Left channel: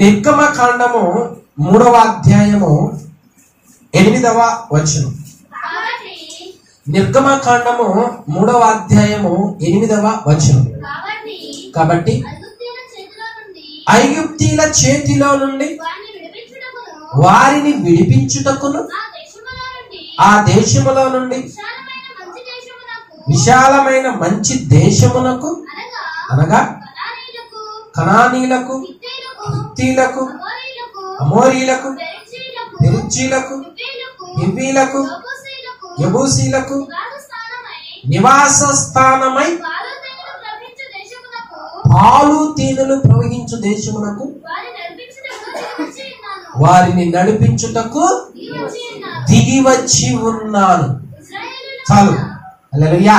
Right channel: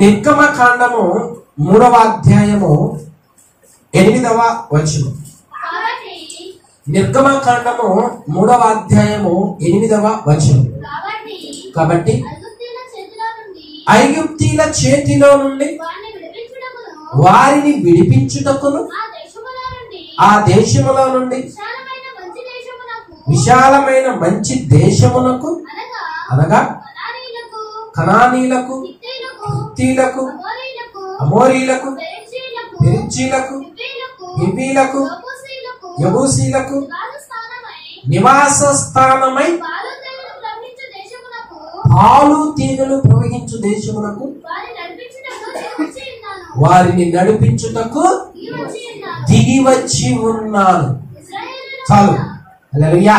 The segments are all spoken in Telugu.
నిర్గమకాండము 3వ అధ్యాయము 8వ వచనం. నిర్గమకాండము 3వ అధ్యాయము 8వ వచనం. కాబట్టి ఐగుప్తీల చేతిలో నుండి వారిని విడిపించుటకును ఆ దేశములో నుండి విశాలమైన మంచి దేశమునకు అనగా కనానీలకు, హిత్తీలకు, అమోరీలకు, పెరిజ్జీలకు, హివ్వీలకు, యెబూసీలకు నివాస స్థానమై పాలు తేనెలు ప్రవహించు దేశమునకు వారిని నడిపించుటకు దిగి వచ్చి ఉన్నాను. చాలు. హల్లెలూయా.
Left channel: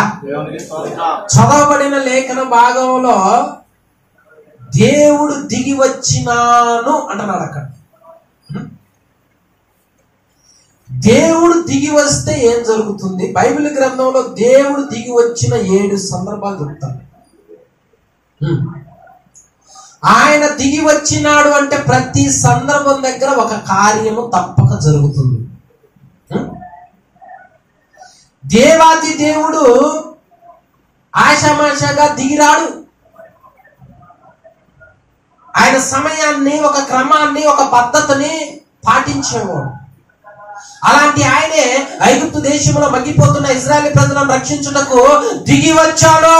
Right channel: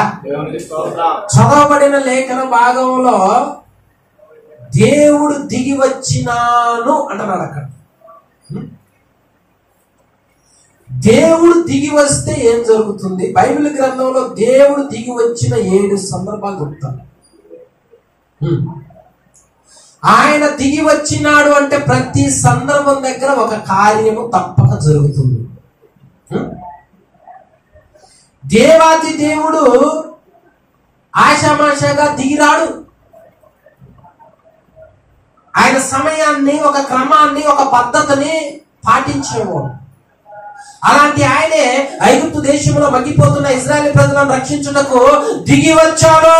చదవబడిన లేఖన భాగంలో దేవుడు దిగి వచ్చినాను అంటున్నాడు. అక్కడ దేవుడు దిగి వస్తే ఏం జరుగుతుంది? బైబిల్ గ్రంథంలో దేవుడు దిగి వచ్చిన 7 సందర్భాలు చెప్తాను. ఆయన దిగి వచ్చినాడు అంటే ప్రతి సందర్భం దగ్గర ఒక కార్యము తప్పక జరుగుతుంది. దేవాది దేవుడు ఆశామాషగా దిగిరాడు. ఆయన సమయాన్ని, ఒక క్రమాన్ని, ఒక పద్ధతిని పాటించేవాడు. అలాంటి ఆయనే ఐగుప్తు దేశంలో మగ్గిపోతున్న ఇశ్రాయేలు ప్రజలను రక్షించుటకు దిగి వచ్చాడు.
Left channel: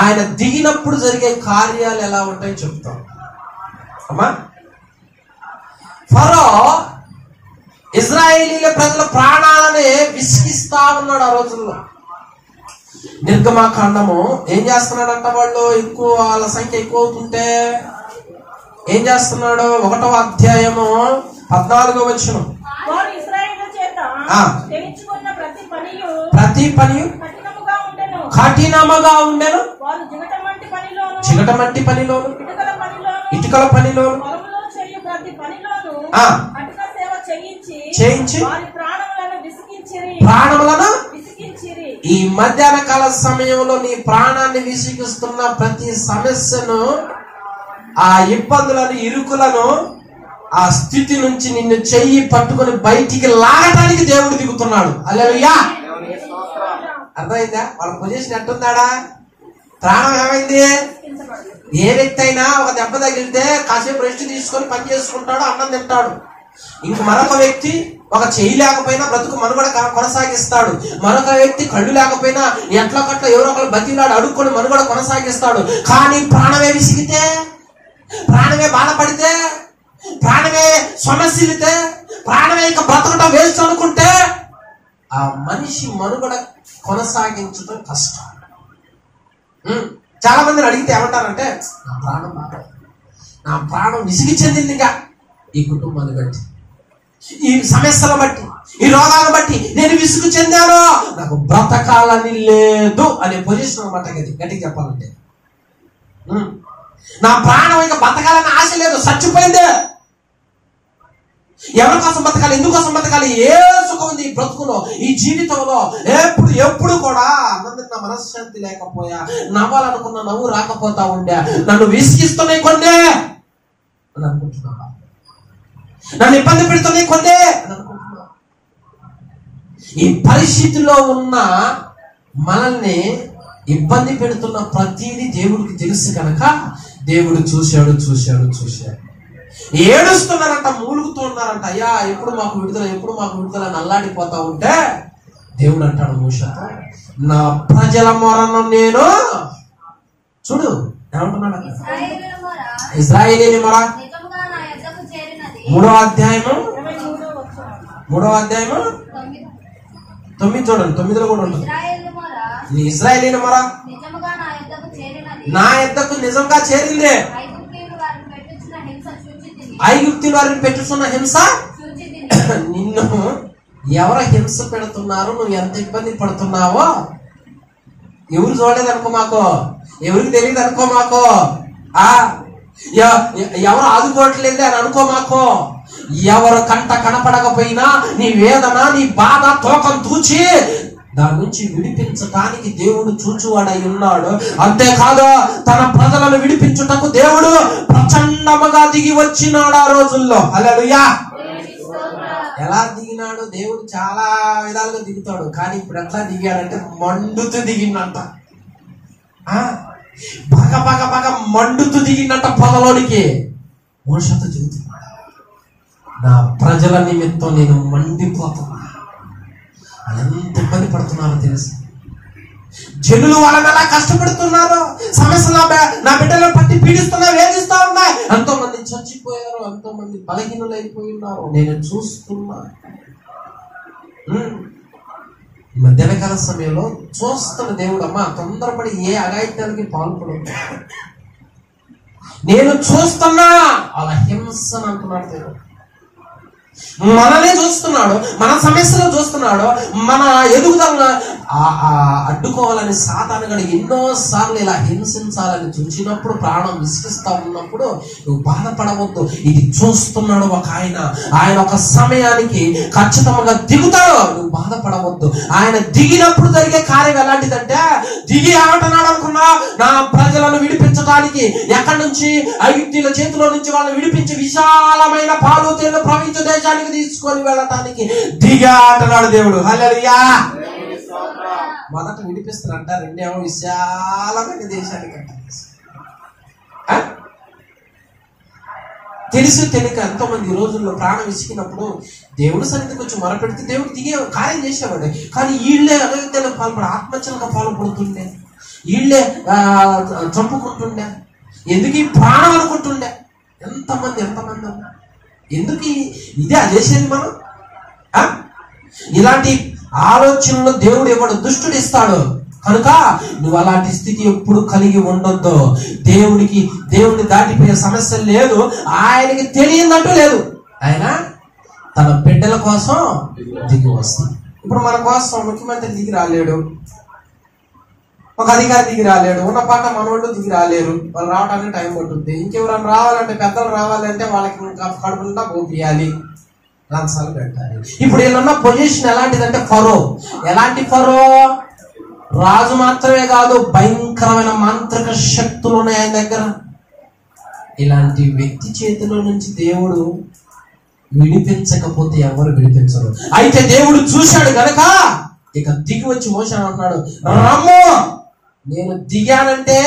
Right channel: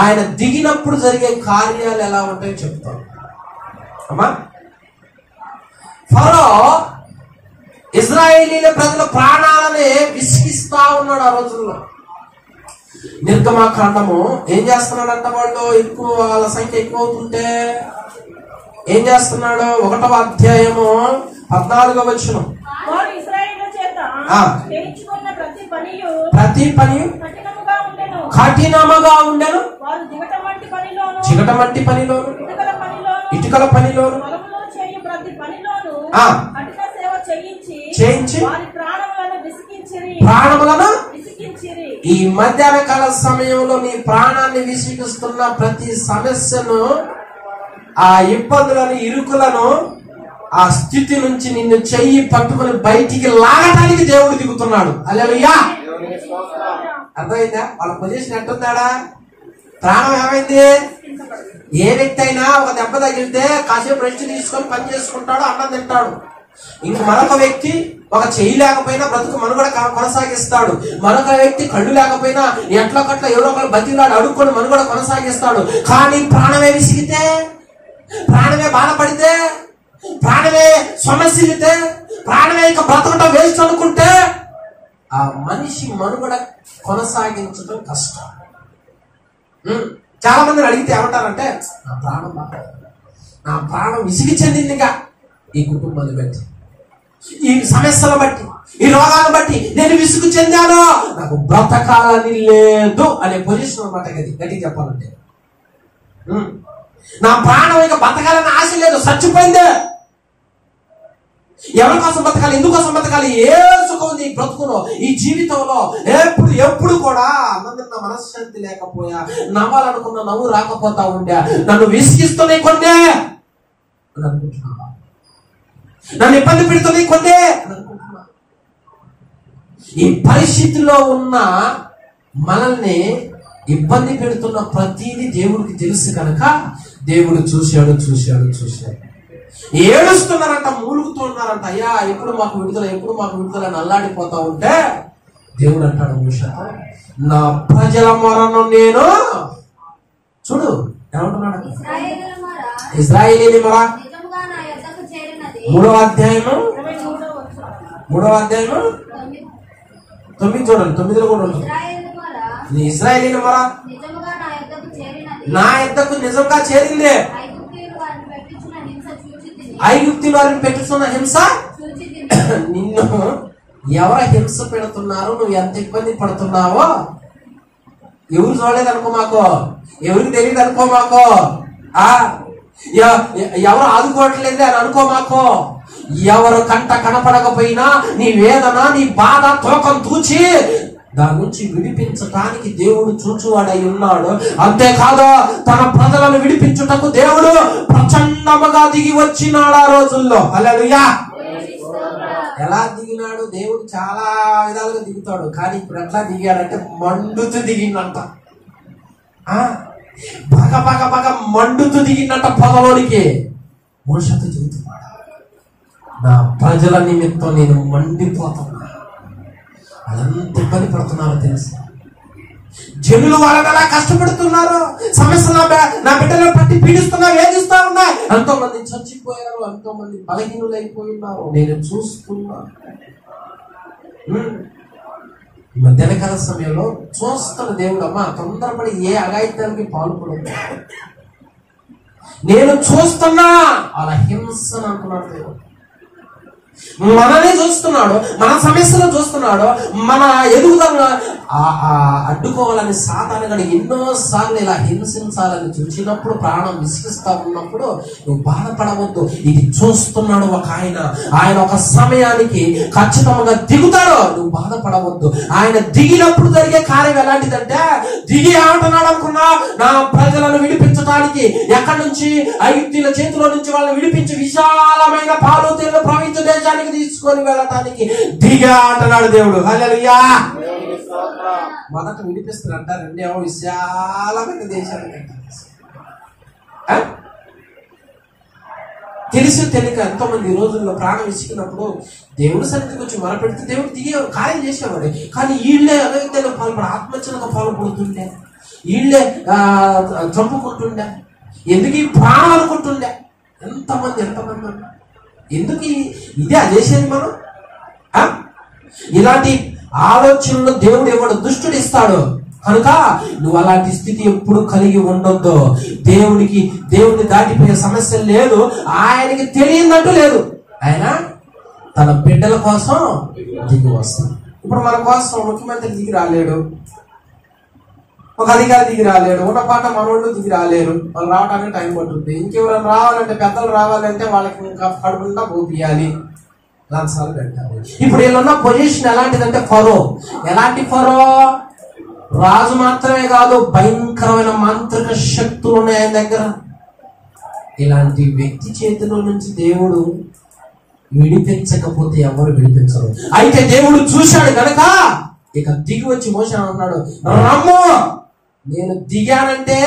ఆయన దిగినప్పుడు జరిగే కార్యాలు ఎలా ఉంటాయో చెప్తాం. అమ్మా, ఫరో ఇశ్రాయేలీల ప్రజల ప్రాణాలనే విసిగిస్తా ఉన్నాడు ఆ రోజుల్లో. నిర్గమకాండము ఏం చేస్తున్నాడంట? వాళ్ళు ఎక్కువ, వాళ్ళ సంఖ్య ఎక్కువ అవుతుంటే ఏం చేస్తున్నాడు? 1వ అధ్యాయము 14వ వచనం. ప్రతి పనియు కఠినముగా ఉండెను, చిగటమంటి పనిలోను, ఇటుకల పనిలోను చేయించి ప్రాణములను. ఈ మధ్యాహ్న కాల సమయంలో నీ ప్రాణాన్ని విసిగిస్తున్న ప్రతి సమస్యను, ఆ ఇబ్బందులను, ఇరుకులను, ఆ స్థితి నుంచి నిన్ను చెయ్యి పట్టుకుని బయటికి లాగడానికి దేవుడు దిగుతున్నాడు. హల్లెలూయా. అర్థమైందా? వాళ్ళ పొజిషన్ ఎట్టుందాడా? ప్రాణం ఏమైంది? ఏ వ్యక్తి అయినా ఒక దెబ్బ తగిలితే కాసేపు రెస్ట్ తీసుకొని పని చేసుకుంటాడు, అన్నం తింటాడు. ఇంక మరొక వ్యక్తి ఒక చెయ్యి లేకపోయినా బ్రతుకు మనుగడ కొనసాగిస్తాడు. మరొక వ్యక్తి కళ్ళు లేకపోయినా ఎట్లా కట్ల ఎవరో ఒకరు బతిలాడు అడుక్కొని మనుగడ కొనసాగిస్తాడు. కానీ ప్రాణమే విసిగితే, ప్రాణమే బాధపడితే, ప్రాణమే సమస్యలితే, ప్రాణమే ఇక బ్రతకటం వేస్ట్ అనుకుంటే ఆ మనిషి మనుగడ కొనసాగించడం కష్టం. చాలా మందిని అడిగితే ఏమంటారంటే, నా ప్రాణం విసిగి చెందిందిగా ఈ కుటుంబాన్ని బట్టి, ఈ సమస్యలు బట్టి, ఈ రోగాలను బట్టి నేను విసుగు చెందాను, నాకు బ్రతకాలని లేదు అనే పొజిషన్ అనమాట. గట్టిగా చెప్పాలంటే నా ప్రాణం ఇక బతకాలని ఆశ లేదు, చచ్చిపోయిందే. ఎవరి కోసం బతకాలి? ఎందుకోసం బతకాలి? ఏ సుఖం ఉంది ఈ బ్రతుకులో, ఈ జీవితంలో? ఎప్పుడు కూడా ఆనందంగా మనశ్శాంతి లేకపోయా, నవ్వాలనుకున్న నవ్వు రాకపోతా ఉండే, నన్ను విసిగిస్తూనే కొన్నే అని అనుకుంటున్నా, నన్ను ఇబ్బంది పెడుతూనే కొన్నే అని అనుకుంటున్నా. ఈ పరిస్థితిలో ఉన్న మనల్ని ఇబ్బంది పెడుతున్న ప్రతిదీ దేవుడికి తెలుసు కనుక దేవుడు చూశాడు. ఏడుస్తున్నారంట, మూలుగుతున్నారంట. అయ్యా ఎప్పుడు మాకు విడుదల అని అల్లాడిపోతా ఉంటే దేవుడు అంటాడు మోషేతో, నా ప్రజల మొరను నేను చూడు ఏమంటున్నాడు? ఇశ్రాయేలీయుల మొర 3వ అధ్యాయము 9 చూడండి. 9లో కూడా ఉంటుంది. ఇశ్రాయేలీయుల మొర నా యొద్దకు నిజంగా చేరిందే, ఐగుప్తీయులు వారిని పెట్టుతున్న హింస నిన్ను ఎవరు హింస పెడుతున్నారు, నువ్వు ఎంత ఇబ్బంది పడుతున్నావో ఎవరు చూడలేదు అనుకో మాకు, ఎవరికి తెలియదు అనుకో మాకు, ఎవరు ఆదుకోవట్లేదు అని అనుకో మాకు. ఎవరు కంట కనపడకపోయినా నీ వేదన, నీ బాధ తోకం తూచి దాని నుంచి విడిపించటానికి దేవుడు చూచువాడై ఉన్నాడు. అంతేకాదు తన ప్రజలను విడిపించుటకు దేవుడు ప్రచండముగా దిగి వచ్చినాడు ఆ రోజుల్లో. హల్లెలూయా. ఎలా దిగినాడు? దేవుడు చాలా విధాలుగా దిగుతాడు, కానీ ఇప్పుడు ఎట్లా దిగాడంటే మండుతూ దిగిందంట. బాగా మండుతూ దిగిందంట పొదలోనికి. మోషతో చెబుతున్నాడు, నా ప్రజల నిమిత్తం నేను మండిపోతున్నా. వాళ్ళు ఎంత ఇబ్బంది పడుతున్నారో తెలుసు. జనులు వాళ్ళని ఎలా కష్టపెడుతున్నారు, సమస్యలు నా బిడ్డలను పట్టి పీడిస్తున్నా, వేధిస్తా ఉన్నాయి. ఎంతో మంది చచ్చిపోయారు, ఎంతో మంది బలహీనులైపోయి ఉన్నారు. నేను చూస్తున్నా. మధ్యాహ్నకాల సమయంలో చూస్తున్న దేవుడు, అమ్మా తొందరపడి ఏ అఘాయిత్యానికి పాల్పడదు, నేను చూస్తున్నా. అలా హింసను అంటున్నాడు దేవుడు. మనల్ని చూస్తున్నాడు, మన సమస్యలు చూస్తున్నాడు, మన ఎదుగుదలను అడ్డుకోవాలని సాతానుగాడు ఎన్నో సార్లు ఇలా హింసించాలని చూసినప్పుడు, ప్రాణం విసిగిస్తా ఉన్నప్పుడు నువ్వు బాధపడవద్దు. ఇది చూస్తున్నాడు ఒక ఆయన. ఆయన ఒక సమయానికి ఖచ్చితంగా దిగుతాడు. నువ్వు బాధపడవద్దు. ఆయన దిగినప్పుడు జరిగే కార్యం ఎలాంటిదంటే, దిగి ఏమంటున్నాడు అనుకున్నా, నా ప్రజలను విడిపించడానికి, ఎక్కడి నుంచి? ఐగుప్తీయుల చేతిలో నుంచి వాళ్ళని విడిపించి విశాలమైన పాలు తేళ్లు ప్రపంచ దేశానికి తీసుకొని వెళ్ళటానికి దిగా అంటున్నాడు దేవుడు. హల్లెలూయా. మొదట విడిపిస్తారంట, రెండేమో విశాలమైన దేశానికి అంట. తెలిసి తెలియక ఎంతో మంది ఈ రోజుల్లో ప్రాణం విసిగినప్పుడు దేవుడి సన్నిధికి వచ్చి మొరపెడితే దేవుడు దిగే కార్యం చేసేవాడు. కానీ వీళ్ళే అగత్యాలు పాల్పడ, ఆత్మహత్యలకు పాల్పడుతుండే, వీళ్ళే చంపుకుంటుండే, ఎందుకు ఈ ప్రాణం అనుకుంటుండే. ఎంతమంది ఉన్నారు. ఎందుకు ఇదే చేసేది మనం? ఇలాంటి ఆలోచనలు దేవుడు ఇవ్వడు, దుష్టుడు ఇస్తాడు. కనుక నువ్వు అలాంటి స్థితి ఎప్పుడు కలిగి ఉండొద్దు. దేవుడిని దాటిపోయే సమస్య లేదు. ఆయనకి తెలియనట్టు లేదు. ఆయన తన బిడ్డల కోసం దిగి వస్తాడు. ఇప్పుడు మన కోసం ముఖ్యమంత్రి దిగి రాలేడు, ఒక అధికారి దిగి రాలేడు, ఉన్న పాట మనోళ్ళు దిగి రాలేరు. వాళ్ళు రావడానికి టైం పడుతుంది. ఇంకెవరైనా రావాలంటే, పెద్దలు రావాలంటే వాళ్ళకి కడుపుండా పోపియాలి, లంచాలు పెట్టాలి. ఇప్పుడు వీళ్ళున్న పొజిషన్ ఎలాంటిదంటే ఫరో. ఎలాంటి ఫరో? రాజు మాత్రమే కాదు, భయంకరమైన మాంత్రిక శక్తులు ఉన్నాయి ఆయన దగ్గర. ఇలాంటి వ్యక్తి చేతిలో నుంచి దేవుడు విడిపించకపోతే ఎవరు విడిపించరు. అయితే దేవుడు చూశాడు కనుక ఇక దిగి వచ్చి మోషే అన్నాడు, రమ్ము, నేను దిగానంటే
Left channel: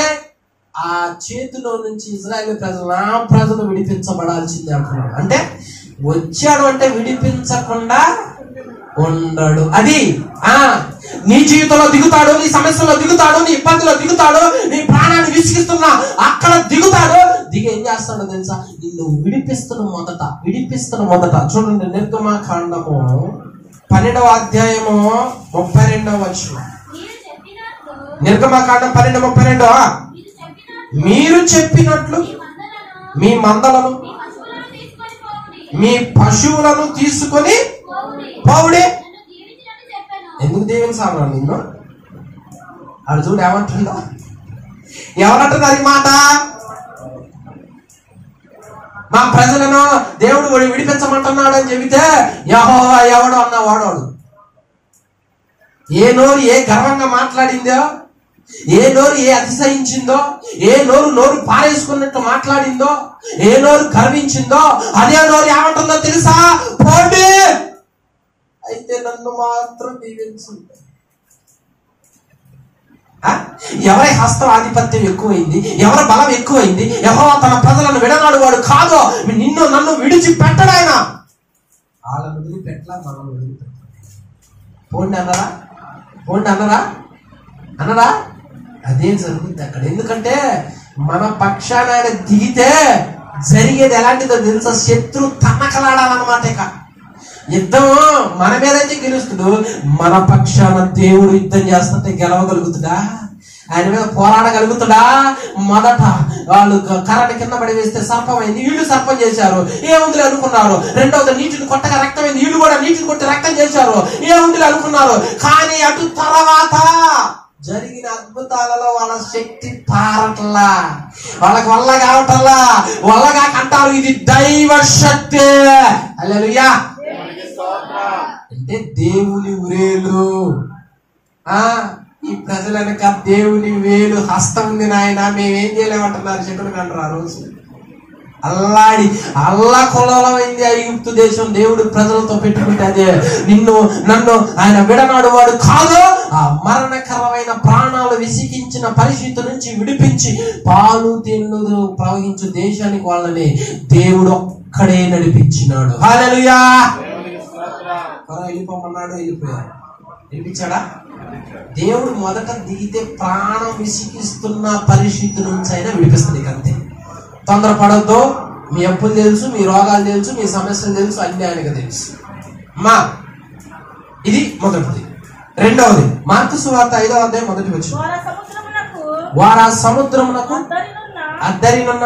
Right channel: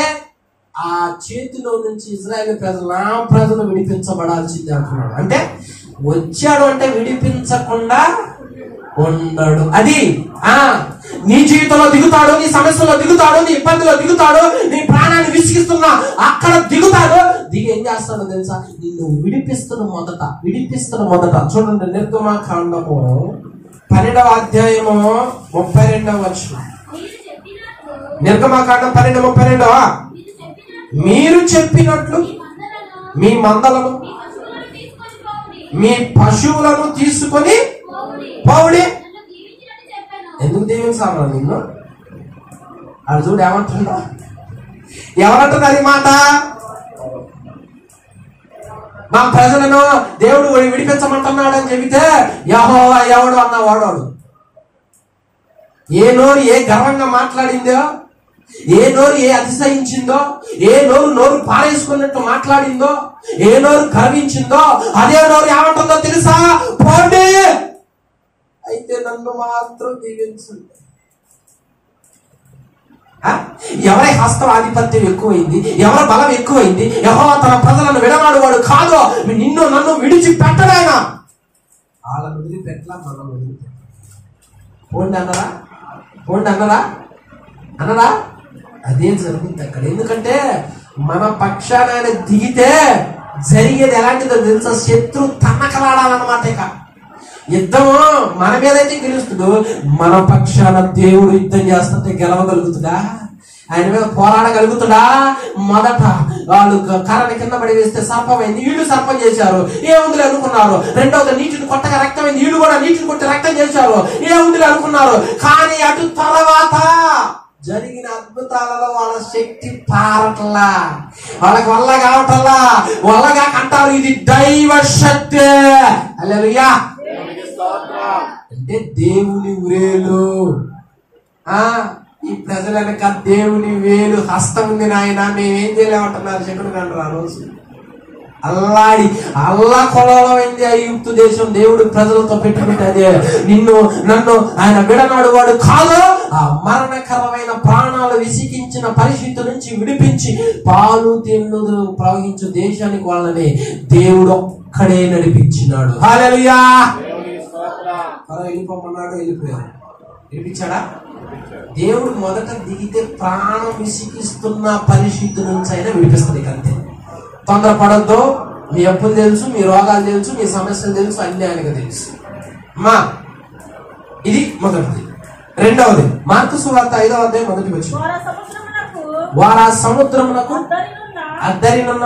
ఆ చేతిలో నుంచి ఇశ్రాయేలు ప్రజలు, నా ప్రజలు విడిపించబడాల్సిందే అంటున్నాడు. అంటే వచ్చాడు అంటే విడిపించకుండా ఉండడు. అది నీ జీవితంలో దిగుతాడు, నీ సమస్యలో దిగుతాడు, నీ ఇబ్బందిలో దిగుతాడు, నీ ప్రాణాన్ని విసిగిస్తున్నా అక్కడ దిగుతాడు. దిగి ఏం చేస్తాడో తెలుసా? నిన్ను విడిపిస్తున్న మొదట చూడండి, నిర్గమకాండము 12వ అధ్యాయము 32వ వచనం. నిర్గమకాండం 12:32. మీరు చెప్పినట్లు మీ మందలను, మీ పశువులను తీసుకొని పోవుడి. ఎందుకు దీవించాలి నిన్ను? అది చూడు ఏమంటుందో. ఎవరంటున్నారు ఈ మాట? మా ప్రజలను దేవుడు విడిపించమంటున్నాడు అని చెబితే యెహోవా ఎవడు అన్న వాడోడు. ఏ నోరు ఏ గర్వంగా మాట్లాడిందో, ఏ నోరు ఏ అతిశయించిందో, ఏ నోరు పారేసుకున్నట్టు మాట్లాడిందో, ఏ నోరు గర్వించిందో, అదే నోరు ఏమంటుందో తెలుసా? పోండి, అయితే నన్ను మాత్రం దీవించండి. ఎవరి హస్తం ఆధిపత్యం ఎక్కువైంది, ఎవరి బలం ఎక్కువైంది. యెహోవా తన ప్రజలను విడనాడు వాడు కాదు. నిన్ను నన్ను విడిచిపెట్టడాయన. వాళ్ళని వదిలిపెట్టలా, మనం వదిలిపెట్టాలి. పోండి అన్నరా అదే జరుగుతుంది అక్కడ. ఎందుకంటే మన పక్షాన ఆయన దిగితే జరిగేది ఎలాంటిదో తెలుసా? శత్రు తన్నకలాడాలన్నమాట. ఇక యుద్ధం మన మీదైతే గెలుస్తుడు, మన పక్షాన దేవుడు యుద్ధం చేస్తుంటే గెలవగలుగుతుందా? ఆయన మీద పోరాడగలుగుతుందా? మొదట వాళ్ళు కర్రని కింద పడి వేస్తే సర్పమైంది, వీళ్ళు సర్పం చేశారు, ఏముందిలే అనుకున్నారు. రెండవది నీటిని కొట్టగా రక్తమైంది, వీళ్ళు కూడా నీటిని కొట్టి రక్తం చేశారు, ఏముందిలే అనుకున్నారు. కానీ అటు తర్వాత జరిగిన అద్భుతాలలో వాళ్ళ శక్తి పారట్లా, వాళ్ళకి వల్ల కావటల్లా. వల్లగా కంటారు, ఇది దైవ శక్తి. హల్లెలూయా. అంటే దేవుని వ్రేలు, ఈ ప్రజల వెనక దేవుని వేలు హస్తం ఉంది నాయన, మేమేం చేయలేమంటున్నారు చెప్పండి అంటారు. ఆ రోజు అల్లా కొలమైంది ఐగుప్తు దేశం. దేవుడు ప్రజలతో పెట్టుకుంటే అదే నన్ను ఆయన విడనాడు వాడు కాదు. ఆ మరణకరమైన ప్రాణాలు విసిగించిన పరిస్థితి నుంచి విడిపించి పాలు తేనెలు ప్రవహించు దేశానికి వాళ్ళని దేవుడు ఒక్కడే నడిపించినాడు. హల్లెలూయా. వెళ్ళిపోమన్నాడు, వెళ్ళిపోయాడు. విడిపించాడా? దేవుడు మొదట దిగితే ప్రాణం విసిగిస్తున్న పరిస్థితి నుంచి అయినా విడిపిస్తుంది. అంతే. తొందరపడద్దు. మీ అప్పులు తెలుసు, మీ రోగాలు తెలుసు, మీ సమస్యలు తెలుసు, అన్ని ఆయనకు తెలుసు. ఇది మొదటిది. రెండవది మార్కు సువార్త 5వ అధ్యాయం మొదటి వచ్చిన వారు ఆ సముద్రమునకు అద్దరినున్న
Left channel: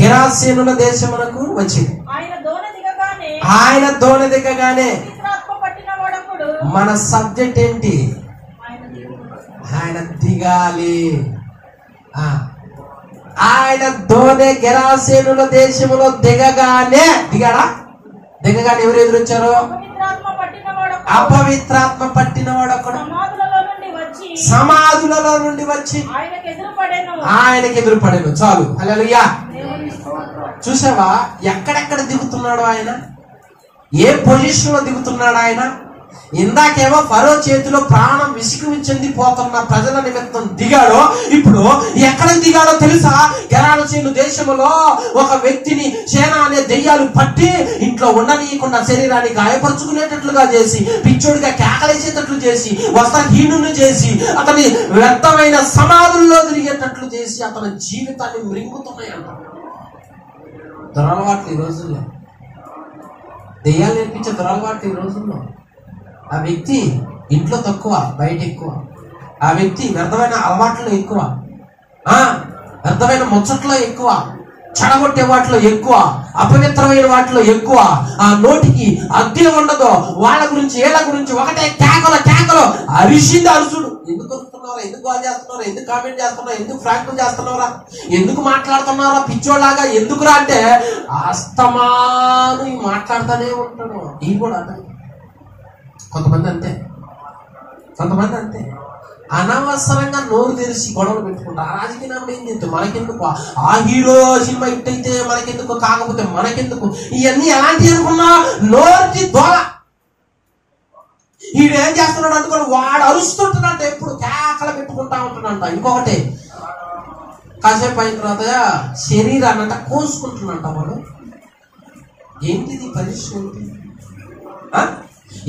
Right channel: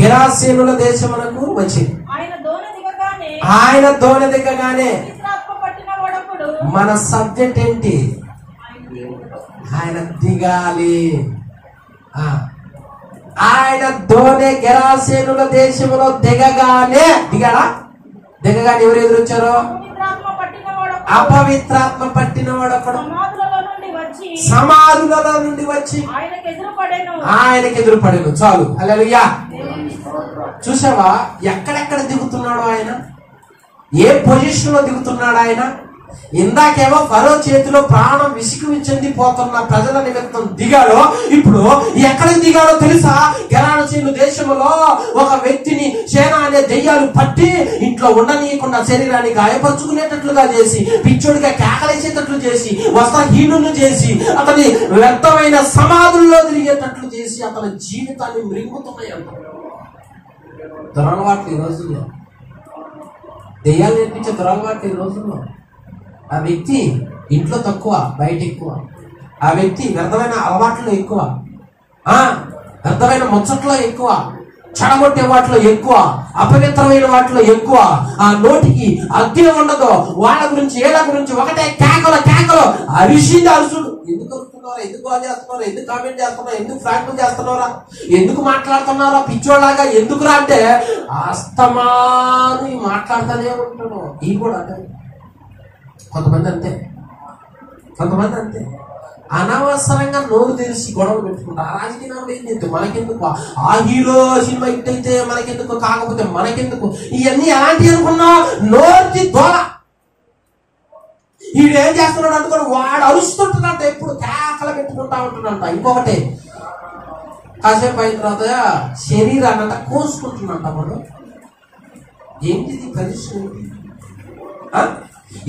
గెరాసేనుల దేశమునకు వచ్చి ఆయన దోణి దిగగానే మన సబ్జెక్ట్ ఏంటి? ఆయన దిగాలి. ఆయన దోణి గెరాసేనుల దేశములో దిగగానే ఎవరు ఎదురొచ్చారు? అపవిత్రాత్మ పట్టినవాడు ఒకడు సమాధులలో నుండి వచ్చి ఆయనకి ఎదురుపడెను. చాలు. హల్లెలూయా. చూసావా ఎక్కడెక్కడ దిగుతున్నాడు ఆయన? ఏ పొజిషన్ లో దిగుతున్నాడు ఆయన? ఇందాకేమో ఫరో చేతిలో ప్రాణం విసిగిచెందిపోతున్న ప్రజల నిమిత్తం దిగాడో, ఇప్పుడు ఎక్కడ దిగాడో తెలుసా? గెరాసేను దేశంలో ఒక వ్యక్తిని సేన అనే దెయ్యాలు పట్టి ఇంట్లో ఉండనీయకుండా శరీరాన్ని గాయపరుచుకునేటట్లుగా చేసి, పిచ్చోడిగా కేకలేసేటట్లు చేసి, వస్త్రహీనులు చేసి, అతని వ్యర్థమైన సమాధుల్లో తిరిగేటట్లు చేసి అతని జీవితాన్ని మృంగుతున్నాయంట. దురలవాట్లు ఈ రోజుల్లో, దెయ్యాలు నేర్పించే దురలవాట్లు ఈ రోజుల్లో. ఆ వ్యక్తి ఇంట్లో తక్కువ, బయట ఎక్కువ. ఆ వ్యక్తి వ్యర్థమైన అలవాట్లో ఎక్కువ, వ్యర్థమైన ముచ్చట్లో ఎక్కువ, చెడగొట్టే వాటిలో ఎక్కువ, అపవిత్రమైన వాటిలో ఎక్కువ. ఆ నోటికి అద్దె ఉండదు. వాళ్ళ గురించి వీళ్ళ గురించి ఒకటే కేకలో అరిసింది అరుసుడు. ఎందుకు అరుస్తున్నారా? ఎందుకు కాల్ చేస్తున్నారా? ఎందుకు కామెంట్ చేస్తున్నారా? ఎందుకు ఫ్రాంక్ చేస్తున్నారా? ఎందుకు మాట్లాడుతున్నారా పిచ్చోళ్ళలాగా? ఎందుకురా అంటే అస్తమాను మాట్లాడుతూనే ఉంటాడు. ఈ కూడా కొంతమంది అంతే అనవసరంగా నోరు తెరిచి గొడవలు పెట్టుకుంటారు. ఆ రాజకీయాలు ఏం చేద్దాం మనకెందుకు? ఆ హీరో సినిమా హిట్ అయితే మనకెందుకు, కాకపోతే మనకెందుకు? ఇవన్నీ ఎలాంటివి అనుకున్నా నోరుకి దోల. ఈడేం చేస్తున్నాడు అనుకుని వాడు అరుస్తుంటున్నాడు, ఎప్పుడు కేకలు పెట్టుకుంటా ఉంటున్నాడంట. ఇంకొకటి కాసేపు అయిన తర్వాత శరీరాన్నంట కోసుకుంటున్నాడంట వాడు. ఏంటిది పరిస్థితి?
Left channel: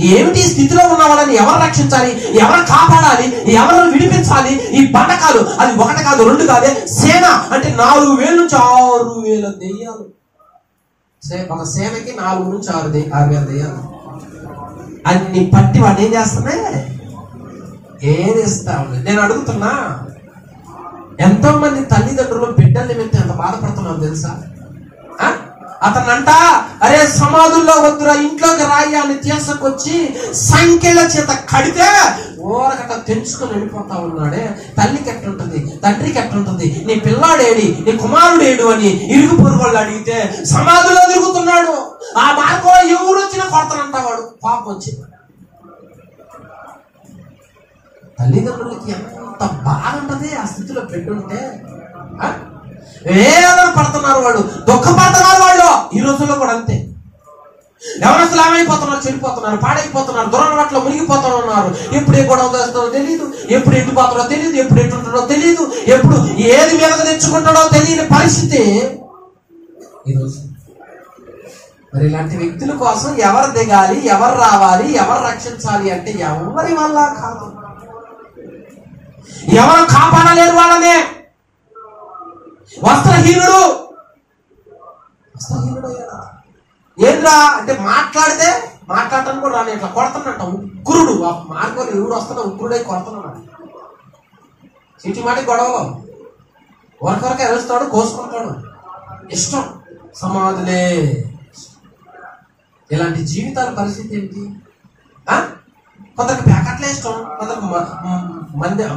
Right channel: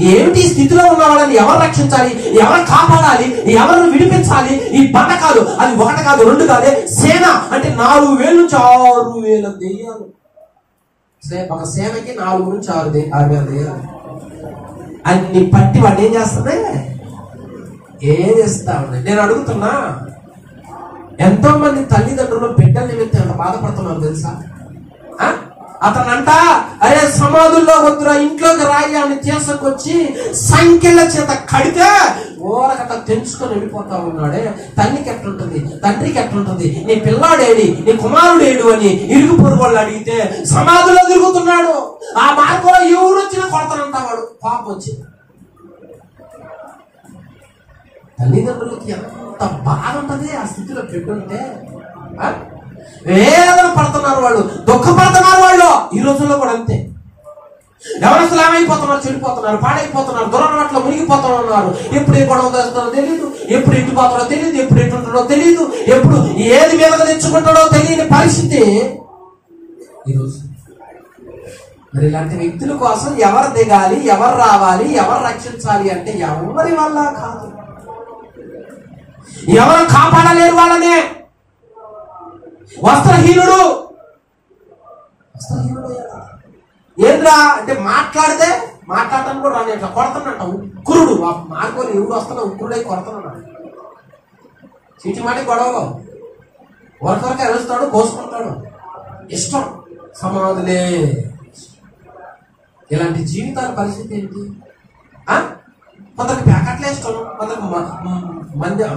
ఏమిటి స్థితిలో ఉన్న వాళ్ళని ఎవరు రక్షించాలి? ఎవరు కాపాడాలి? ఎవరు విడిపించాలి? ఈ బండకాలు అది ఒకటి కాదు, రెండు కాదే, సేన అంటే 4,000 నుంచి 6,000 దెయ్యాలు. ఒక సేనకి 4 నుంచి 6,000 దెయ్యాలు. అన్ని పట్టి వాడు ఏం చేస్తున్నాయి? ఏదేస్తా ఉన్నాయి. నేను అడుగుతున్నా, ఎంతో మంది తల్లిదండ్రులు బిడ్డల నిమిత్తం ఎంత బాధపడుతున్నారు తెలుసా? అతనంట అరే సమాధుల్లో వద్దురా, ఇంట్లోకి రాయి అని తీసుకొచ్చి సంఖ్యల చేత కడితే ఓరకట తెంచుకొని వెళ్ళిపోతా ఉన్నాడే. తల్లికి ఎట్లుంటుంది, తండ్రికి ఎట్లుంటుంది? నీ పిల్లాడేడి, నీ కుమారుడేడు అని ఇరుగు పొరుగోళ్ళు అడిగితే సమాధుల్లో తిరుగుతున్నాడు. ఆ మార్గంలో ఎవరు వచ్చినా కొడతానంట వాడు. పాపం వచ్చి తల్లిదండ్రులకి ఎంత బాధ ఉంటుంది ఆ స్థితిలో పెట్టుంటే. వేదన పడుతున్నారు వాళ్ళు, దుఃఖపడుతున్నారు వాళ్ళు. ఈ రోజుల్లో కూడా అంతే. ఎవరసలు ఏమైపోతున్నారు? చెడిపోతున్నారు, పాడైపోతున్నారు, దురలవాట్లో మునిగిపోతున్నారు. ఎప్పుడు ఏ గొడవ చేస్తారో తెలియదు, ఎప్పుడు ఎట్టుపోతారో తెలియదు, ఎప్పుడు ఎట్టుంటాడో తెలియదు, ఎప్పుడు ఏది మీదగా తెచ్చుకుంటాడో తెలియని పరిస్థితి ఈరోజు. మరి ఇలాంటి వ్యక్తుల కోసం ఎవరు దిగాలి, ఎవరు రావాలి, ఎవరు రక్షించాలి అంటే ఎవరి వల్ల కాదు. ఎవరు కాపాడలేరు వాళ్ళనే. వస్త్రహీనుడు ఏంద్రా అంటే మాట్లాడితే మాట్లాడటానికి కూడా రాని అట్లా కొడుతున్నట్ట. ఉగ్రుడు ఆ మార్గంలో ఎవడు వస్తున్నా ఉగ్రుడై కొడుతున్నాడు. చీటి మాటి గొడవలో ఒకరికొరకు ఎరుస్తాడు, కోసుకుంటాడు. ఇష్టం సమాధులే. ఇలాంటి జీవితాల పరిస్థితి ఏంటి? కొందరికి ప్యాకెట్లే ఇష్టం, కొందరికి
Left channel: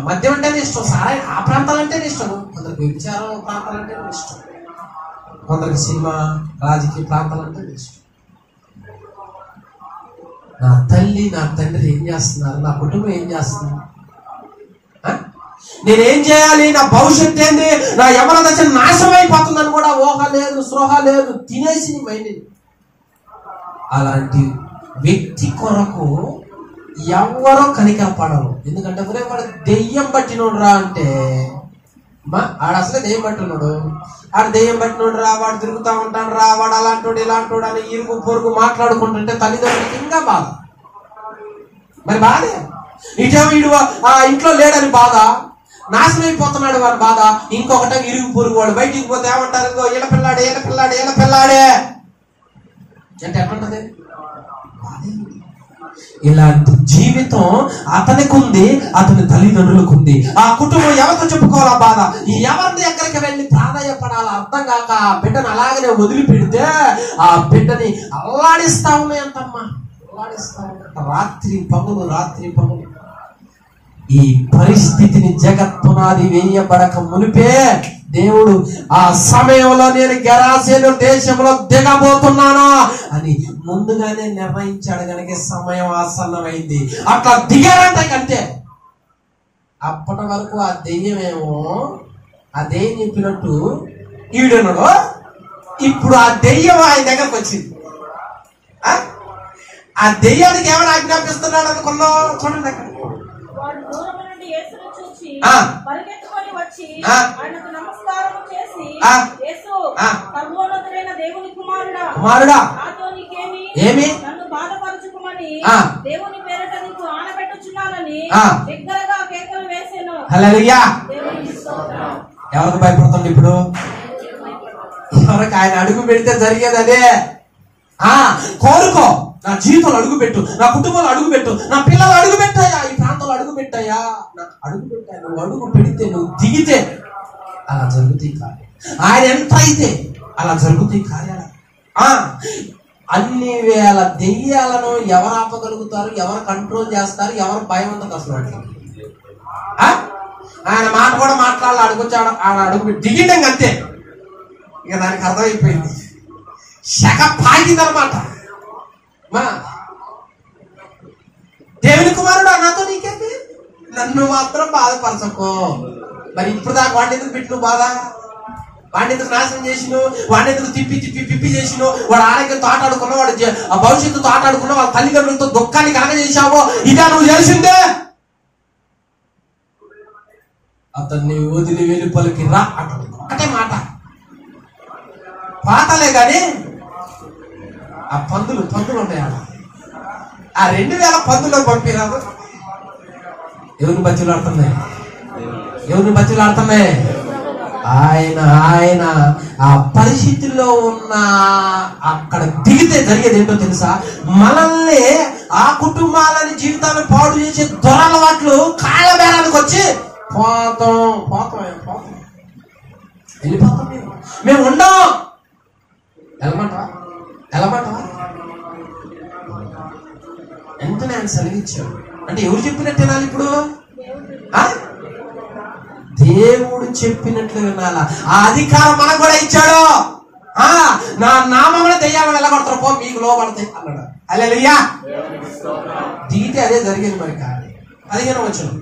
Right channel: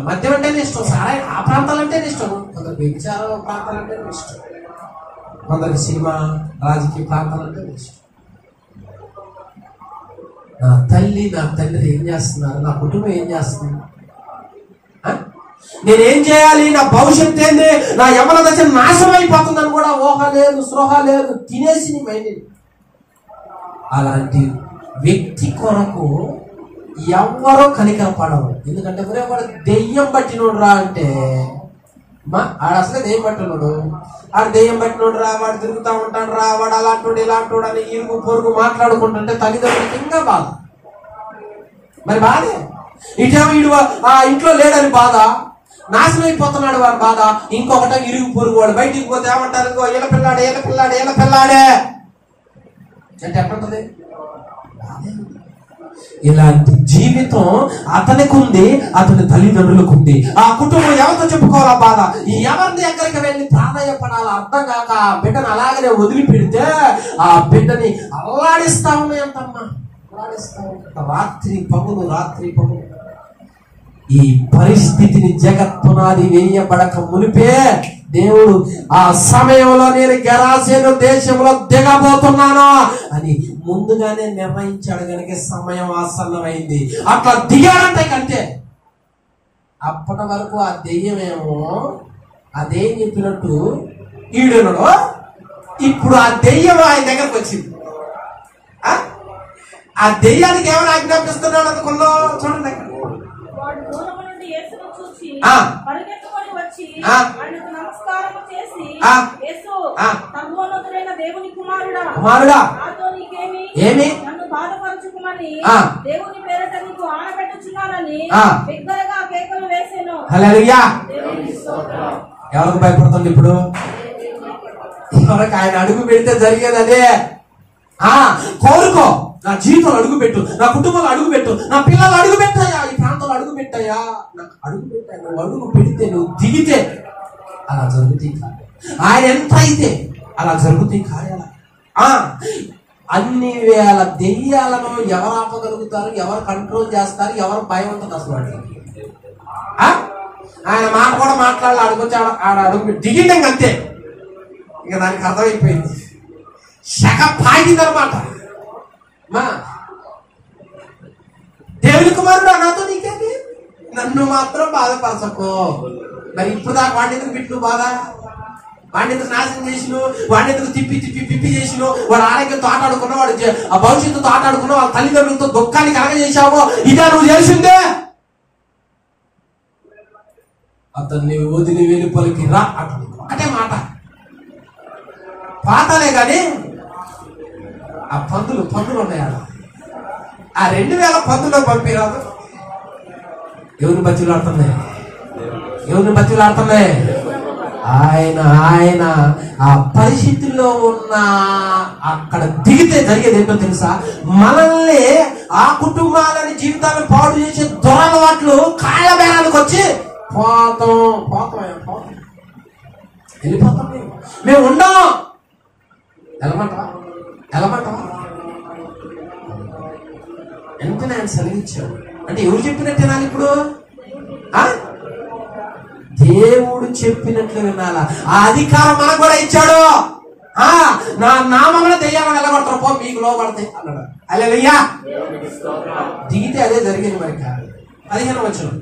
మద్యం అంటేనే ఇష్టం, సారాయి ఆ ప్రాంతాలంటేనే ఇష్టం, కొందరికి వ్యభిచార ప్రాంతాలంటేనే ఇష్టం, కొందరికి సినిమా రాజకీయ ప్రాంతాలంటేనే ఇష్టం. నా తల్లి నా తండ్రి ఏం చేస్తున్నారు, నా కుటుంబం ఏం చేస్తుంది, నేనేం చేయాలి, నా భవిష్యత్తు ఏంది, నా యవ్వన దశ నాశనం అయిపోతుందని కూడా ఊహ లేదు, స్పృహ లేదు, తినేసి మైండ్. అలాంటి వ్యక్తి కొరకు ఎవరో కనికరపడరు. ఎందుకంటే వాడు దెయ్యం పట్టినోడు రా అంటే ఆడు అసలే దెయ్యం పట్టినోడు, ఆడు దెయ్యం పట్టినోడు రా, వాడు తిరుగుతూ ఉంటాడు రా, వాడు అలాంటోడు ఇలాంటోడు అని ఇరుగు పొరుగు మాట్లాడుకుంటుంటే తల్లిదండ్రులకి ఇంకా బాధ. మరి బాధే. ఇటేమో వీడు ఆ ఇంట్లో లేడని బాధ, నాశనం అయిపోతున్నాడు వాడి బాధ. ఇంకొకట ఇరుగు పొరుగు వాడు బయటికి పోతే ఏమంటారు, ఏళ్ళ పిల్లాడే ఏళ్ళ పిల్లాడే ఏళ్ళ పిల్లాడే అంటే ఎట్లుంటది, బాధే. ఇలాంటి జీవితం అతనికి ఉంది, అతని తల్లిదండ్రులకు ఉంది. ఆ కుటుంబం ఎవరితో చెప్పుకోవాలా బాధ, ఎవరిని ఎక్కడికి వెళ్ళి ప్రాధాన్యపడాలో అర్థం కాక ఆ బిడ్డను అలాగనే వదిలిపెడితే ఆ బిడ్డని అల్లాడిస్తా ఉన్నాయంటమ్మా, అల్లాడిస్తా ఉంటా రాత్రి పగులు రాత్రి పగులు. ఈ పరిస్థితిని జగత్పునాది వేయబడక మునిపే దేవుడు ఆ సమయంలో నేను గెరాసేను దేశంలో దిగబోతున్నాను అని ముందుగానే నిర్ణయించాడు కనుక సమయం ఆసన్నమైంది. అట్లా దిగాడంటే కంటే అప్పటి వరకు ఆ దెయ్యమేమో ఆ దెయ్యం చెప్పినట్టు ఈడునలో, ఇప్పుడు ఆ దెయ్యం ఆయన దగ్గరకు వచ్చింది. ఆ దెయ్యానికి ఏమైనా ఆజ్ఞాపిస్తున్నాడు అనుకున్నావు చూడండి. వాడు దూరం నుండి యేసును చూచి పరిగెత్తుకొని వచ్చి ఆయనకు నమస్కారము చేసి, యేసు సర్వోన్నతుడైన దేవుని కుమారుడా నాతో నీకేమి, నన్ను బాధపరచుకుమని దేవుని పేరట నీకు ఆనబెట్టుచున్నానని బిగ్గరగా కేకలు వేసెను. హల్లెలూయా. ఎవరికి భయపడుతుంది ఇప్పుడు? ఎవరికి ఆయన అడుగు పెడితే జరిగేది అదే. కోరుకో, నా జీవితంలో అడుగు పెట్టు, నా కుటుంబంలో అడుగు పెట్టు, నా పిల్లలు అడుగు పెట్టాయా, ఈ ప్రాంతంలో అడుగు పెట్టాయా, నాకు అడుగు పెట్టాయా. నువ్వు అడుగు పెడితే, నువ్వు దిగితే అలా జరుగుతాయి కార్యాలు. ఆయన ఎంత అయితే అలా జరుగుతాయి కార్యాలు. అన్ని వేల దెయ్యాలను ఎవరు ఆపగలుగుతారు, ఎవరు కంట్రోల్ చేస్తారు, ఎవరు భయం ఉంటుంది అసలు వాటికి? ఆయన మాట కూడా మాట్లాడాలి, అడుగుచ్చి ఆడ అడుగు దిగిండే అంతే. ఇక దానికి అర్థమైపోయింది, శక పాగిందనమాట. దేవుని కుమారుడు నాతో నీకేంటి, నన్ను మాత్రం బాధపరచకో. మరి ఇప్పుడు దాకా వాడిని ఎందుకు పెట్టిన బాధ, వాడిని ఎందుకు నాశనం చేసిను, వాడిని ఎందుకు తిప్పి తిప్పి పిప్పి చేసిను, వాడు ఆరోగ్యంతో ఆటాడుకున్నావు, వాడు ఆ భవిష్యత్తుతో ఆటాడుకున్నావు, వాళ్ళ తల్లిదండ్రులతో దుఃఖాన్ని కలగజేశావో, ఇదే నువ్వు చేసిందే. అతన్ని వదిలి వెలుపలికి రా అంటాడు, ఒకటే మాట. పాతలే కానీ ఆ పందులు ఉన్నాయి ఆడ, ఆ 2000 పందులకు పంపిరాదు. ఎవరిని బతులాడుతున్నాయి, ఎవరిని బతులాడుతున్నాయి? ఆయన ఆ పరిస్థితుల్లో ఉన్న అక్కడ దిగితే జరిగేది ఏంటో తెలుసా? మనల్ని ఆ కుటుంబాలని జీవితాలను పాడు చేసే దొరలవాట్లు కాళ్ళ బేరానికి వచ్చి పోతాం వెళ్ళిపోతాం. మేము ఉండం. ఎలమంటావా వెంటనే ఆయన సెలవిచ్చాడు. అంటే ఎవరు చెప్పినట్టు వినాలి ఇప్పుడు? దేవుడు చెప్పినట్లు వినాలా. ఆ అధికారం మనకు కూడా ఇచ్చాడు. నా నామంలో దెయ్యాలను వెళ్ళగొడతారు, పో మీకు లోపడతాయి అన్నాడు. హల్లెలూయా. దిగితే అదే జరిగింది. మరి 15వ వచనం,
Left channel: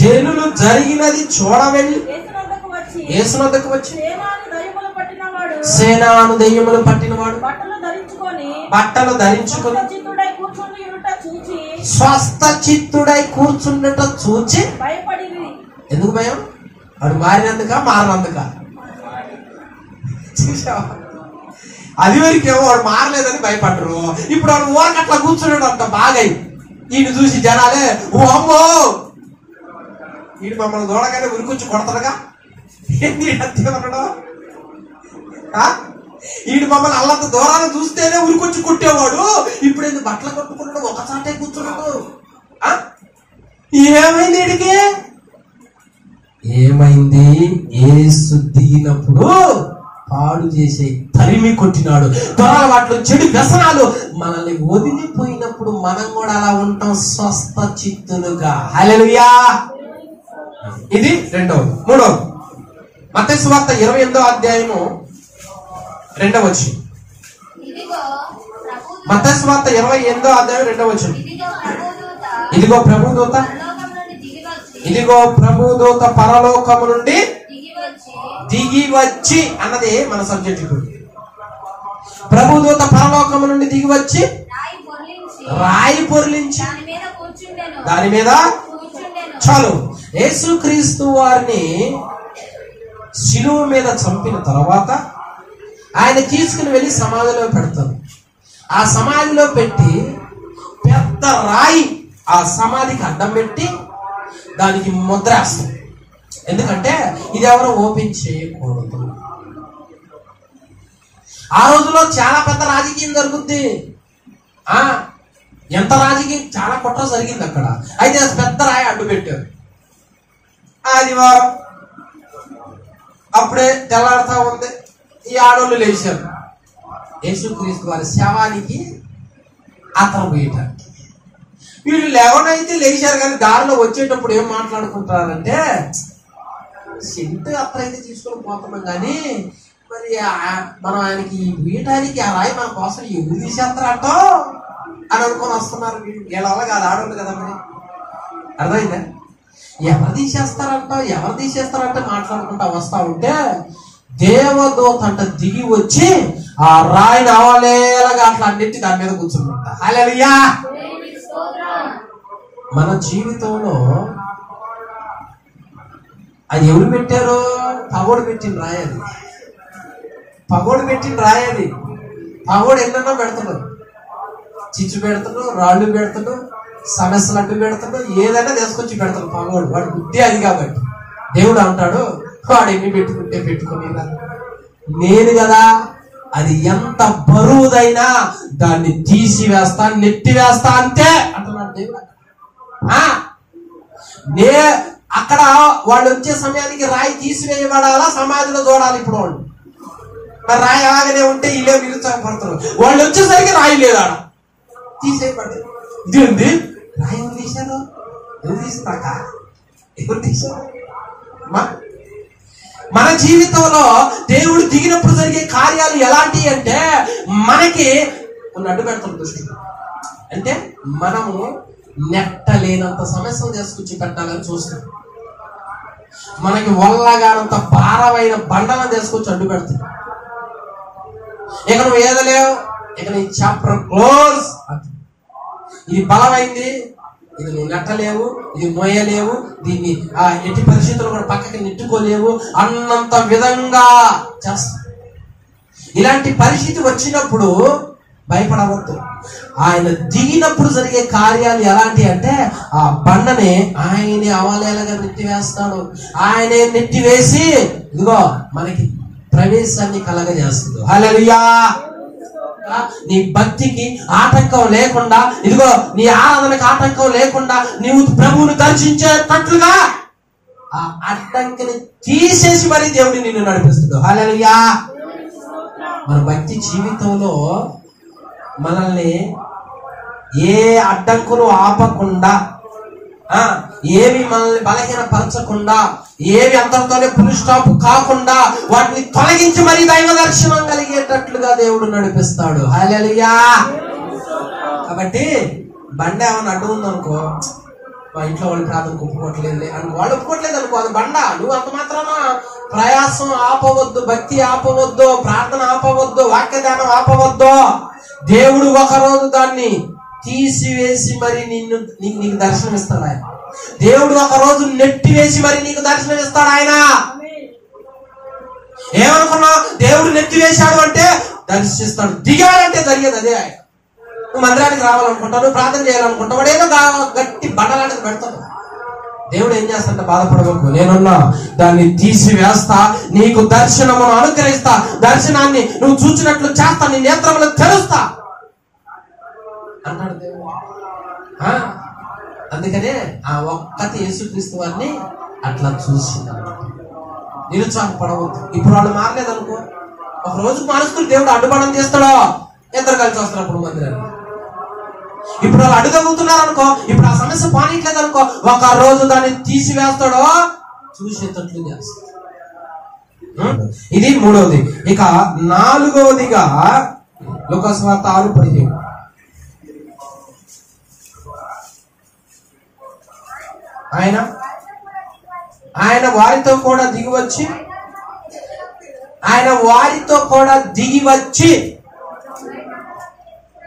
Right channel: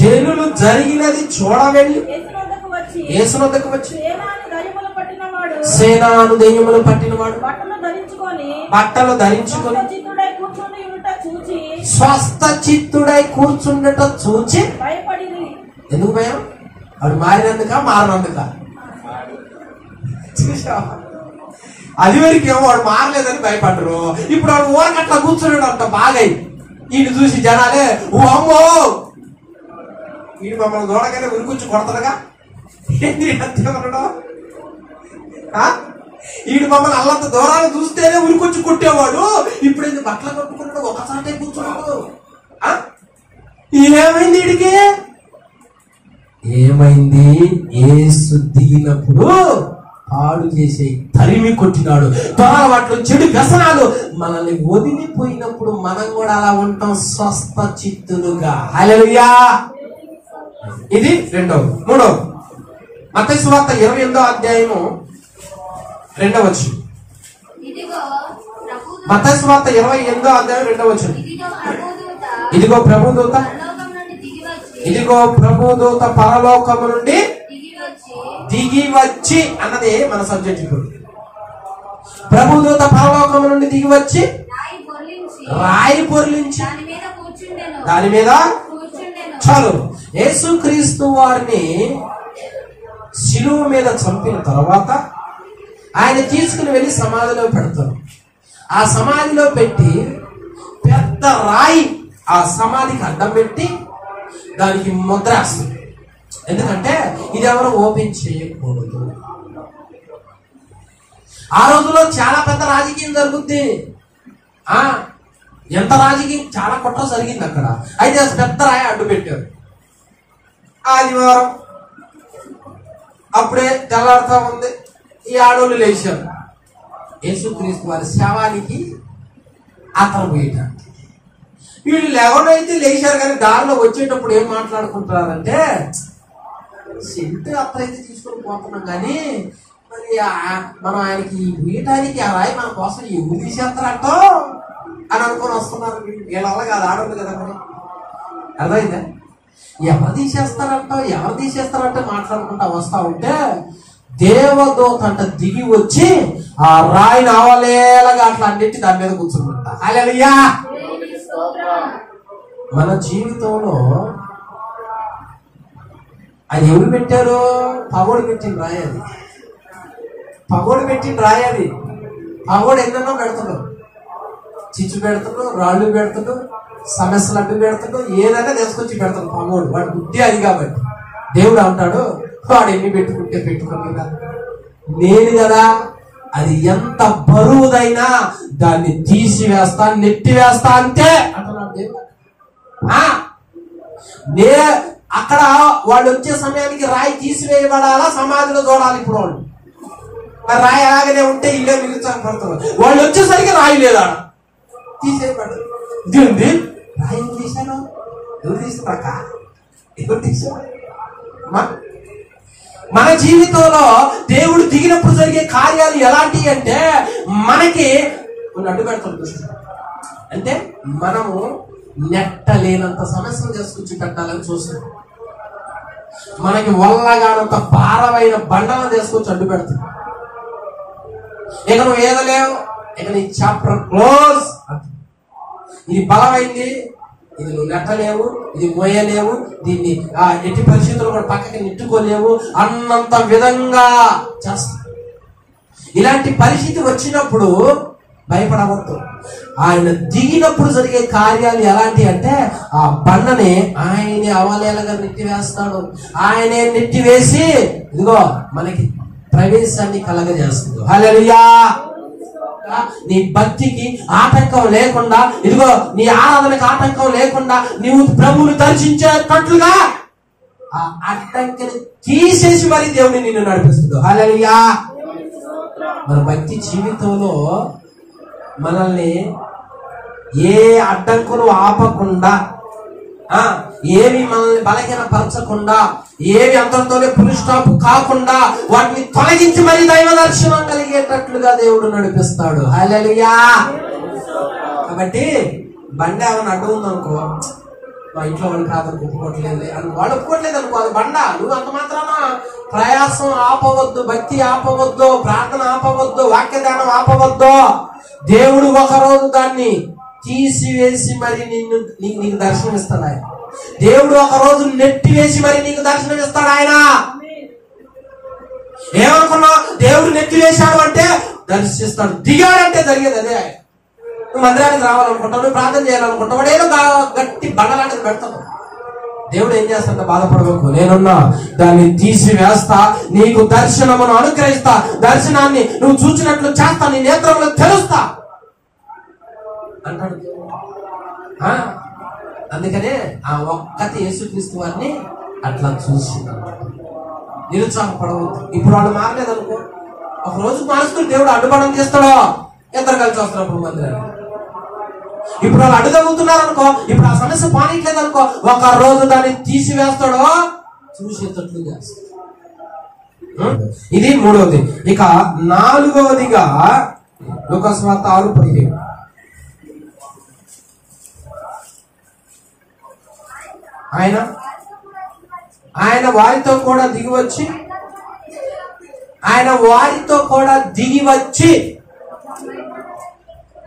జనులు జరిగినది చూడవెళ్ళి యేసునొద్దకు వచ్చి సేనాను దెయ్యములు పట్టినవాడు బట్టలు ధరించుకొని స్వస్థ చిత్తుడై కూర్చుండట చూచి భయపడింది. ఎందుకు భయం? వాడు మారినందుక? చూసావా? అది వరకేమో వాడు మారలేదని భయపడ్డరు. ఇప్పుడు వాడు ఊరకట్లా కూర్చున్నాడు అంట బాగా. ఈయన చూసి జనాలే ఓ అమ్మో, ఈయన మమ్మల్ని చూడగానే ఉరికొచ్చి కొడతాడుగా, ఏంటి అంతేమన్నాడు? ఈయన మమ్మల్ని అల్లంత దూరాన్ని చూస్తేనే ఉరికొచ్చి కొట్టేవాడు, ఇప్పుడు ఏంటి బట్టలు కట్టుకున్నాడు, ఒకసారి కూర్చున్నాడు. ఏమైంది వీడికి? ఏమైంది? యేసు దిగినప్పుడు పాడు చేసే తరిమి కొట్టినాడు. దొరలవాట్లు, చెడు వ్యసనాలు మనల్ని వదిలిపోయినప్పుడు మనం కూడా అలా ఉంటాం, స్వస్థ చిత్తులుగా. హల్లెలూయా. ఇది 2వ. 3వ మత్తయి సువార్త 28వ అధ్యాయము 2వ వచనం. మత్తయి సువార్త 28వ అధ్యాయం 2వ వచనం. ఇదిగో ప్రభుదూత పరలోకము నుండి దిగి వచ్చి అన్నది మన సబ్జెక్ట్. ఇప్పుడు ప్రభుదూత పరలోకము నుండి దిగి వచ్చి రాయి పొర్లించి దాని మీద చాలు. యేసుక్రీస్తు వారిని శిలువ మీద చంపిన తర్వాత ఆయన తీసుకుని వెళ్ళి సమాధిలో పెడతారు. ఆ సమాధిలో పెట్టి పెద్ద రాయి ఆ సమాధికి అడ్డం పెట్టి దానికి ముద్ర వేస్తారు. ఎందుకంటే ఇది ఎవరు ఓపెన్ చేయకూడదు. ఆ రోజులో చాలా పెద్ద రాజకీయం జరుగుద్ది. ఎంత రాజకీయం, చాలా కుట్ర జరిగింది అక్కడ. అయితే పెద్ద రాయి అడ్డు పెట్టారు. ఆదివారం అప్పుడే తెల్లాడుతా ఉంది. ఈ ఆడోళ్ళు లేచారు యేసుక్రీస్తు వారి శవానికి అతను పోయటానికి. వీళ్ళు లేవనైతే లేచారు, కానీ దారిలో వచ్చేటప్పుడు ఏం మాట్లాడుకుంటారంటే, సింటు అత్తరైతే తీసుకొని పోతున్నాం కానీ మరి మనం ఆయనకి వీయటానికి ఆ రాయి మన కోసం ఎందుకు తీసేస్తారంట అని అనుకొని వస్తున్నారు. వీళ్ళ కాదు, ఆడవాళ్ళు కదా. మరి అర్థమైందా? ఎవరు తీసేస్తారంటే మాట్లాడుకుంటా వస్తా ఉంటే దేవదూత అంట దిగి వచ్చి ఆ రాయిని అవలేలాగా అట్లా అన్నిటి దాని మీద కూర్చుంట. హల్లెలూయా. మన జీవితంలో అది ఎవరు పెట్టారు? పగోడు పెట్టిన రాయి అది. పగోడు ఎన్నెన్నో పెడుతున్నాడు. చిచ్చు పెడతాడు, రాళ్ళు పెడతాడు, సమస్యలు అడ్డు పెడతాడు, ఏదైనా తీసుకొచ్చి పెడతాడు పగోడు. వాడి బుద్ధి అది కాబట్టి దేవుడు అంటాడు, వాడు ఎన్ని పెట్టుకుంటే పెట్టుకుని నేను కదా, అది ఎంత బరువుదైనా దాన్ని తీసివేస్తా, నెట్టివేస్తా అంతే అంటున్నాడు దేవుడు. అక్కడ వాళ్ళు వచ్చే సమయానికి రాయి తీసివేయబడాలా, సమాధిలో చూడాలి. ఇప్పుడు వాళ్ళు మరి రాయి అలాగనే ఉంటే ఇల్లే నిరుత్సాహపడుతున్నారు. వాళ్ళు వచ్చేసరికి రాయి లేదా తీసేయబడి ఇది ఉంది. రాయి ఎవరు తీశారు? ఎవరు తీశారు? మన జీవితంలో దేవుడు దిగినప్పుడు జరిగే కార్యాలు ఎలాంటివి అంటే, మనకి అడ్డు పెడతాడు దృష్టి. అంటే మనము నెట్టలేనంత సమస్యలు చేసుకొచ్చి పెట్టాలని చూస్తాం. మనకి వల్లగానంత భారమైన బండలను తీసుకొచ్చి అడ్డు పెడతాం. ఇక నువ్వు ఏదలేవు, ఇక నీ చాప్టర్ క్లోజ్. ఇది బలమైంది, ఇది నువ్వు నెట్టలేవు, ఇది మోయలేవు, దీన్ని ఎట్టి పరిస్థితుల్లో కూడా పక్కకి నెట్టుకోలేవు అన్నంత విధంగా చేస్తా. ఇలాంటి పరిస్థితి వచ్చినప్పుడు భయపడవద్దు. ఆయన దిగినప్పుడు జరిగే కార్యాలు ఎలాంటి అంటే, ఆ బండని ఆయనే అవలేలగా నెట్టివేస్తాడు. ఆయనే నెట్టివేసి ఇదిగో మనకి ప్రవేశాన్ని కలగజేస్తుంది. హల్లెలూయా. నీ భక్తికి ఆటంకం లేకుండా, ఇదిగో నీ ఆరాధనకు ఆటంకం లేకుండా నీవు ప్రభువును దర్శించేటట్లుగా ఆ అడ్డంకిని తీసేసి మరి దేవుని నిన్ను నడిపిస్తాడు. హల్లెలూయా. మన భక్తి జీవితంలో మనల్ని ఏ అడ్డంకులు ఆపకుండా, ఏవి మనల్ని బలహీనపరచకుండా, ఏవి అంతటితోనే పులి స్టాప్ కాకుండా వాటిని తొలగించి మరి దైవ దర్శనం కలిగేటట్లుగా దేవుడు నడిపిస్తాడు. హల్లెలూయా. కాబట్టి బండ ఏమైనా అడ్డు ఉందనుకో, మా ఇంట్లో వాళ్ళు ప్రార్థనకు ఒప్పుకోవట్లేదు అని వాళ్ళు ఒప్పుకోవట్లేదు అనుకో, అది బండ. నువ్వు అంత మాత్రాన ప్రయాసం ఆపవద్దు, భక్తి ఆపవద్దు, ప్రార్థన ఆపవద్దు, వాక్యదానం ఆపవద్దు. దేవుడు ఒకరోజు దాన్ని తీసివేసి మరి నీకు దర్శనం ఇస్తాడు ఆయన. దేవుడు ఒక రోజు నెట్టివేసి మరి నీకు దర్శనం ఇస్తాడు ఆయన. ఏమనుకున్నావు? దేవుడు నెట్టివేశాడు అంటే దర్శిస్తాడు. దిగాడంటే జరిగేది అదే. ఆయన నువ్వు మందిరానికి రావాలనుకుంటావు, నువ్వు ప్రార్థన చేయాలనుకుంటావు, వాడు ఏదో గట్టి బండలాంటిది పెడతాడు. దేవుడు ఏం చేస్తాడంటే, బాధపడవకు, నేనున్నా, దాన్ని తీసివేస్తా, నీకు దర్శనమును అనుగ్రహిస్తా, దర్శనాన్ని నువ్వు చూసినట్లు చేస్తా, నీ నేత్రములు తెరుస్తా అంటాడు దేవుడు. అందుకనే ఆ ఒక్కటి యేసుక్రీస్తు వారిని అట్లా చూసింది. నిరుత్సాహపడవద్దు. ఇప్పుడు వాళ్ళు మారలేదనుకో, ఒక రోజు మారుస్తూ దేవుడు అడ్డుపడం చేస్తాడో, ఇద్దరు కలిసి వస్తారు అప్పుడు మందిరాన్ని. ఇప్పుడు వాళ్ళు అడుగవుతున్నారు అనుకో, ఇప్పుడు ఆ సమస్య పానీట్లేదు అనుకో, ఒక రోజు దాన్ని తీసివేస్తాడో చూసేటట్లు చేస్తాడు. ఇది మూడవది. ఇక నాలుగవదిగా లూకా సువార్త 6:15 ఆయన వారితో కూడా దిగివచ్చి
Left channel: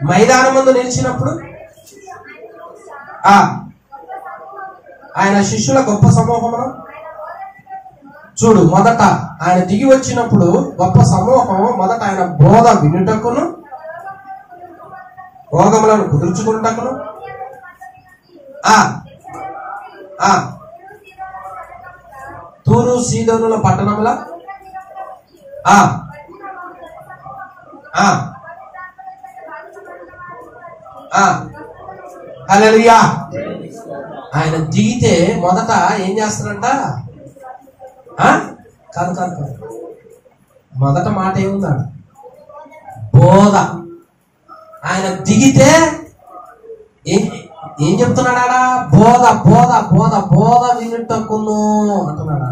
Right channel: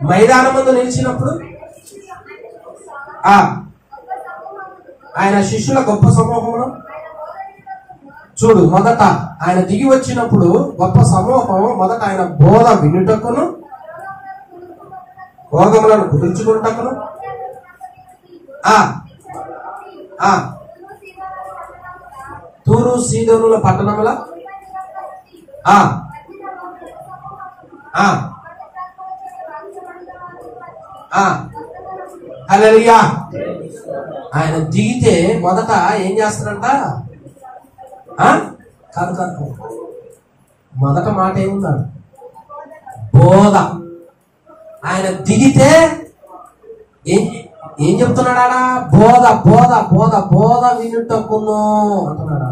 మైదానం ముందు నిలిచినప్పుడు ఆయన శిష్యుల గొప్ప సమూహము చూడు, మొదట ఆయన దిగి వచ్చినప్పుడు గొప్ప సమూహం మొదట ఆయన బోధ వినుటకును రోగములను కుదుర్చుకున్నటకును తూరు సీదోనుల పట్టణముల హల్లెలూయా. ఆయన దిగితే మొదట ఏం చేస్తారంట? కాదు మొదట మాట ఏముందంట? బోధ. ఆయన దిగితే ఏం చెప్తున్నాడా? బోధ బోధ బోధ బోధ వినుటకును అంటున్నాడా?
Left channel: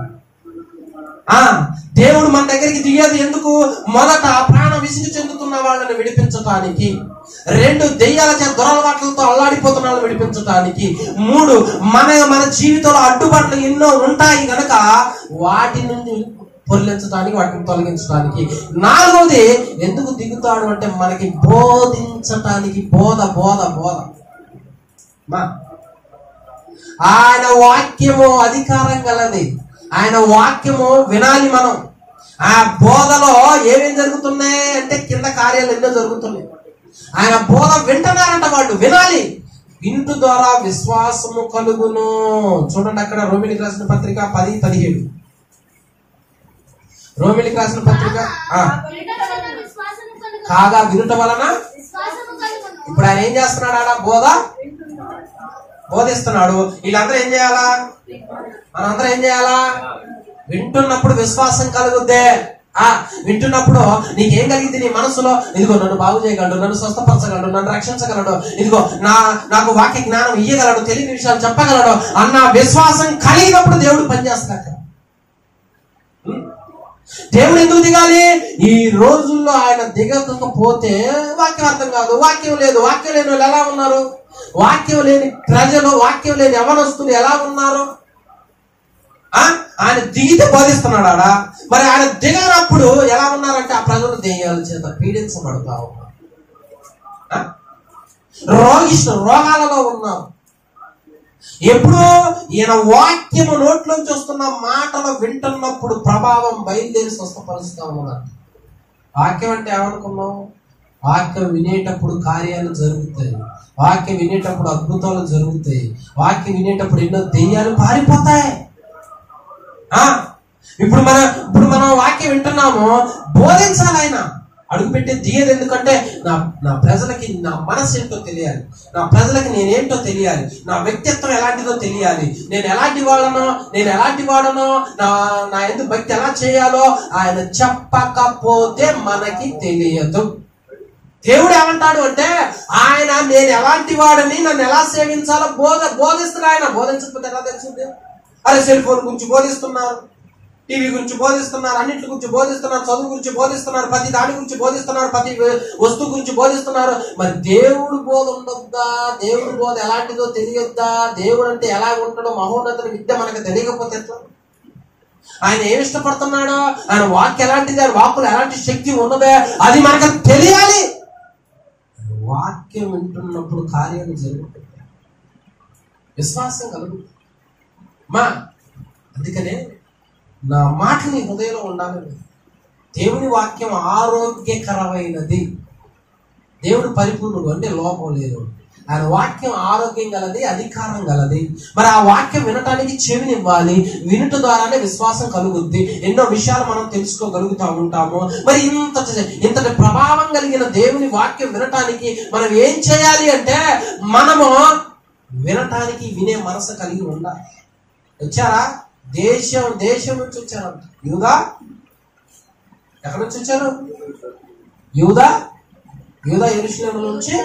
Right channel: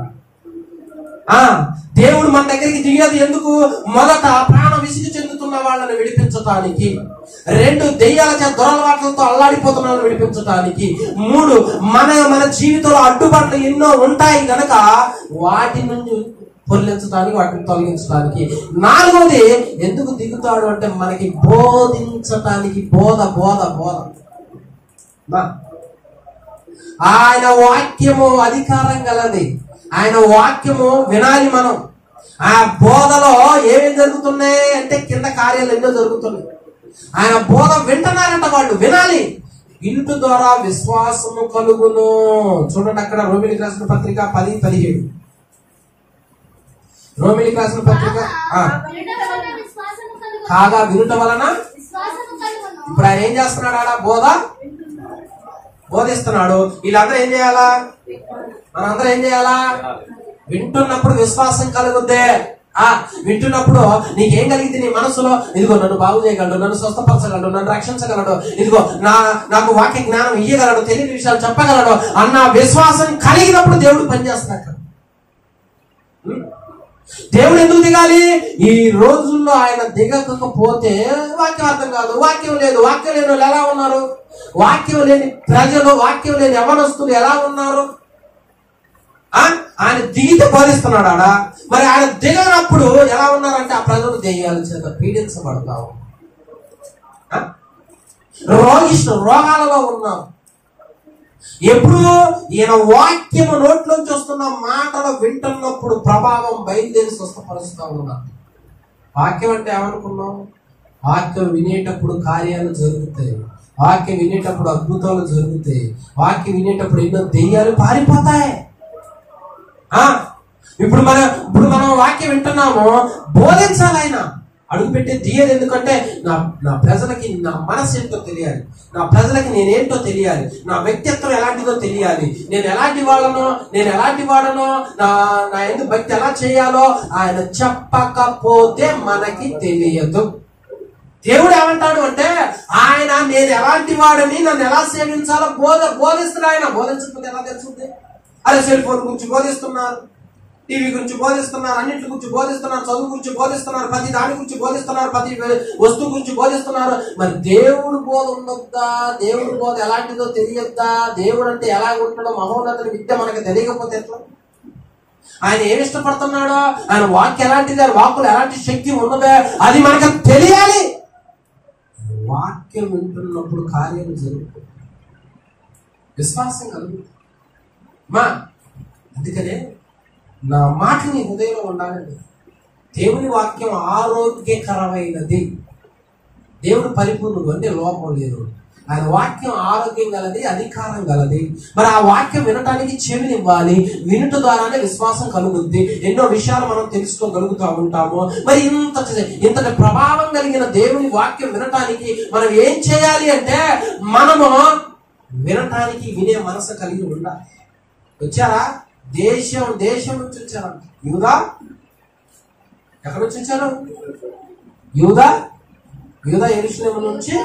దేవుడు మన దగ్గరికి దిగేది ఎందుకు? మొదట ప్రాణ విసిగి చెందుతున్న వాళ్ళని విడిపించటానికి, 2 దెయ్యాల దురలవాట్లతో అల్లాడిపోతున్న వాళ్ళని విడిపించటానికి, 3 మన జీవితంలో అడ్డుబాట్లు ఎన్నో ఉంటాయి కనుక వాటి నుండి పొర్లించడానికి, వాటిని తొలగించడానికి, 4వది ఎందుకు దిగుతాడు అంటే మనకి బోధించటానికి. బోధ బోధ బోధ. ఆయన వాక్యము అధికారం గలది. ఆయన వాక్యము వినాలి మనం. ఆ బోధలో ఏమేమి జరుగుతున్నాయి అంటే కింద కార్యాలు ఎన్నో జరుగుతున్నాయి. ఆయన బోధ వింటున్నారంట, వాళ్ళు వినాలి. వింటు ద్వారా విశ్వాసము కలుగును. చూడండి అక్కడ రోమిలికి రాసిన పత్రిక 10:17. రోమిలికి రాసిన పత్రిక కాగా వినుట వలన. ఇప్పుడు ఆయన ఏం చేస్తున్నాడు? ఆడ బోధిస్తున్నాడు. వీళ్ళందరూ ఏం చేయాలా? మనందరూ ఏం చేయాలా? వింటున్నప్పుడు విశ్వాసం కలుగుద్దే. వింటున్నప్పుడు నీకేం కలిగింది? నీ మనసులో ఇదిగో నన్ను బాగు చేయగలడు, నన్ను స్వస్థపరచగలడు, నన్ను రక్షించగలడు, ఇదిగో నాకు వాక్య జ్ఞానం ఇయ్యగలడు, తెలియని విషయాలు చెప్పగలడు అన్న విశ్వాసం కలిగినప్పుడు దేవుడు పనిచేస్తాడు. దేవుడు ఎందుకు దిగాలి? ఈ రోజుల్లో ఆయన దిగకపోతే వాక్యం అర్థం కాదు. వాక్యం లేదు. వాక్యం లేని వాళ్ళు ఎలా ఉన్నారు? వాక్యం లేని ప్రజలు, వాక్యం లేని యవనస్తులు ఎలా ఉన్నారు? ఆయన దిగితే బోధిస్తున్నాడు ఆడ. మరి ఆయన దిగనప్పుడు ఎలా ఉన్నారంటే ఆ ప్రజలు దెయ్యాల చేత పీడించబడతా ఉన్నారు, రోగాలలో ఉన్నారు. ఎప్పుడు ఈయన వాక్యము నోట్లోంచి వస్తున్న మాటలు వింటున్నప్పుడు ప్రభావం బయలుదేరి స్వస్థపరుస్తా ఉన్నారు. వాక్యం అంటే ఏమనుకున్నాం? వాక్యం వినేటప్పుడు కార్యాలు జరుగుతాయి, వాక్యం వినేటప్పుడు అద్భుతాలు జరుగుతాయి, వాక్యం వినేటప్పుడు ఎన్నో దెయ్యాలు పారిపోతాయి. ఇప్పుడు మనం వాక్యం వింటున్నాము, బోధించాలి. ఆయన అడుగుపెట్టే దిగేది ఎందుకంటే నా ప్రజలకి నా మనసు ఏంటో తెలియాలి, నా ప్రజలకి నేనేంటో తెలియాలి, నా వ్యక్తిత్వం ఎలాంటిదో తెలియాలి, నేను ఎలాంటి వాడనో నా ఎందుకు భక్తి ఎలా చేయాలో ఆయన చెప్పకపోతే మనకి తెలియదు. దేవుడు ఏమంటాడు అంటే ఆయన నేను ఎలాంటి వాడని, నన్ను ఎలా సేవించాలో బోధిస్తున్నాడు. ఆయన బోధించకపోతే ఎలా తెలుస్తుంది? అరే సెల్ ఫోన్ గురించి బోధిస్తున్నారు, టీవీ గురించి బోధిస్తున్నారు, అన్నింటి గురించి బోధిస్తున్నారు, చదువు గురించి బోధిస్తున్నారు, ప్రతి దాని గురించి బోధిస్తున్నారు, ప్రతి వస్తువు గురించి బోధిస్తున్నారు. మరి దేవుడు బోధ ఉండొద్దా? దేవుడు బోధ ఎలాంటిదో తెలియద్దా? దేవుడు అంటే ఎలా ఉంటాడో మహోన్నతుని విద్య మనకు తెలియకపోతే ఆయన ఏమి ఇష్టపడుతున్నాడో, ఆయన వాక్యం ఎలాంటిది, ఆయన వాక్కులు ఎలాంటి శక్తి ఉన్నదే అది మనకు తెలియాలి. వాక్యం వింటున్నప్పుడు కార్యాలు జరుగుతాయి, విశ్వాసం కలుగుతుంది. అందుకనే నా మాట నీ హృదయంలో ఉండాలండి. దేవుని వాక్యం ఆరోగ్యకరమైనది. దేవుడు పరిపూర్ణుడు అంటే లోపం లేదు. ఆయన వాక్యం ఆరోగ్యం గలది, అధికారం గలది. మరి ఆ వాక్యం వినటానికి చెవినివ్వాలి. వినుట ద్వారానే విశ్వాసం కలుగుద్ది. ఎన్నో విషయాలు మనం తెలుసుకోగలుగుతూ ఉంటాము. మరి ఇంతటి ప్రభావం కలిగిన దేవుని వాక్యం వినటానికి మనం ఏం చేయాలి అంటే మనము వినటానికి వినే మనసు కలిగి ఉండాలి. వచ్చారా? దేశం నుంచి వచ్చారంట. యూదా ఎక్కడి నుంచి వచ్చారు? యూదా యెరూషలేము నుంచి.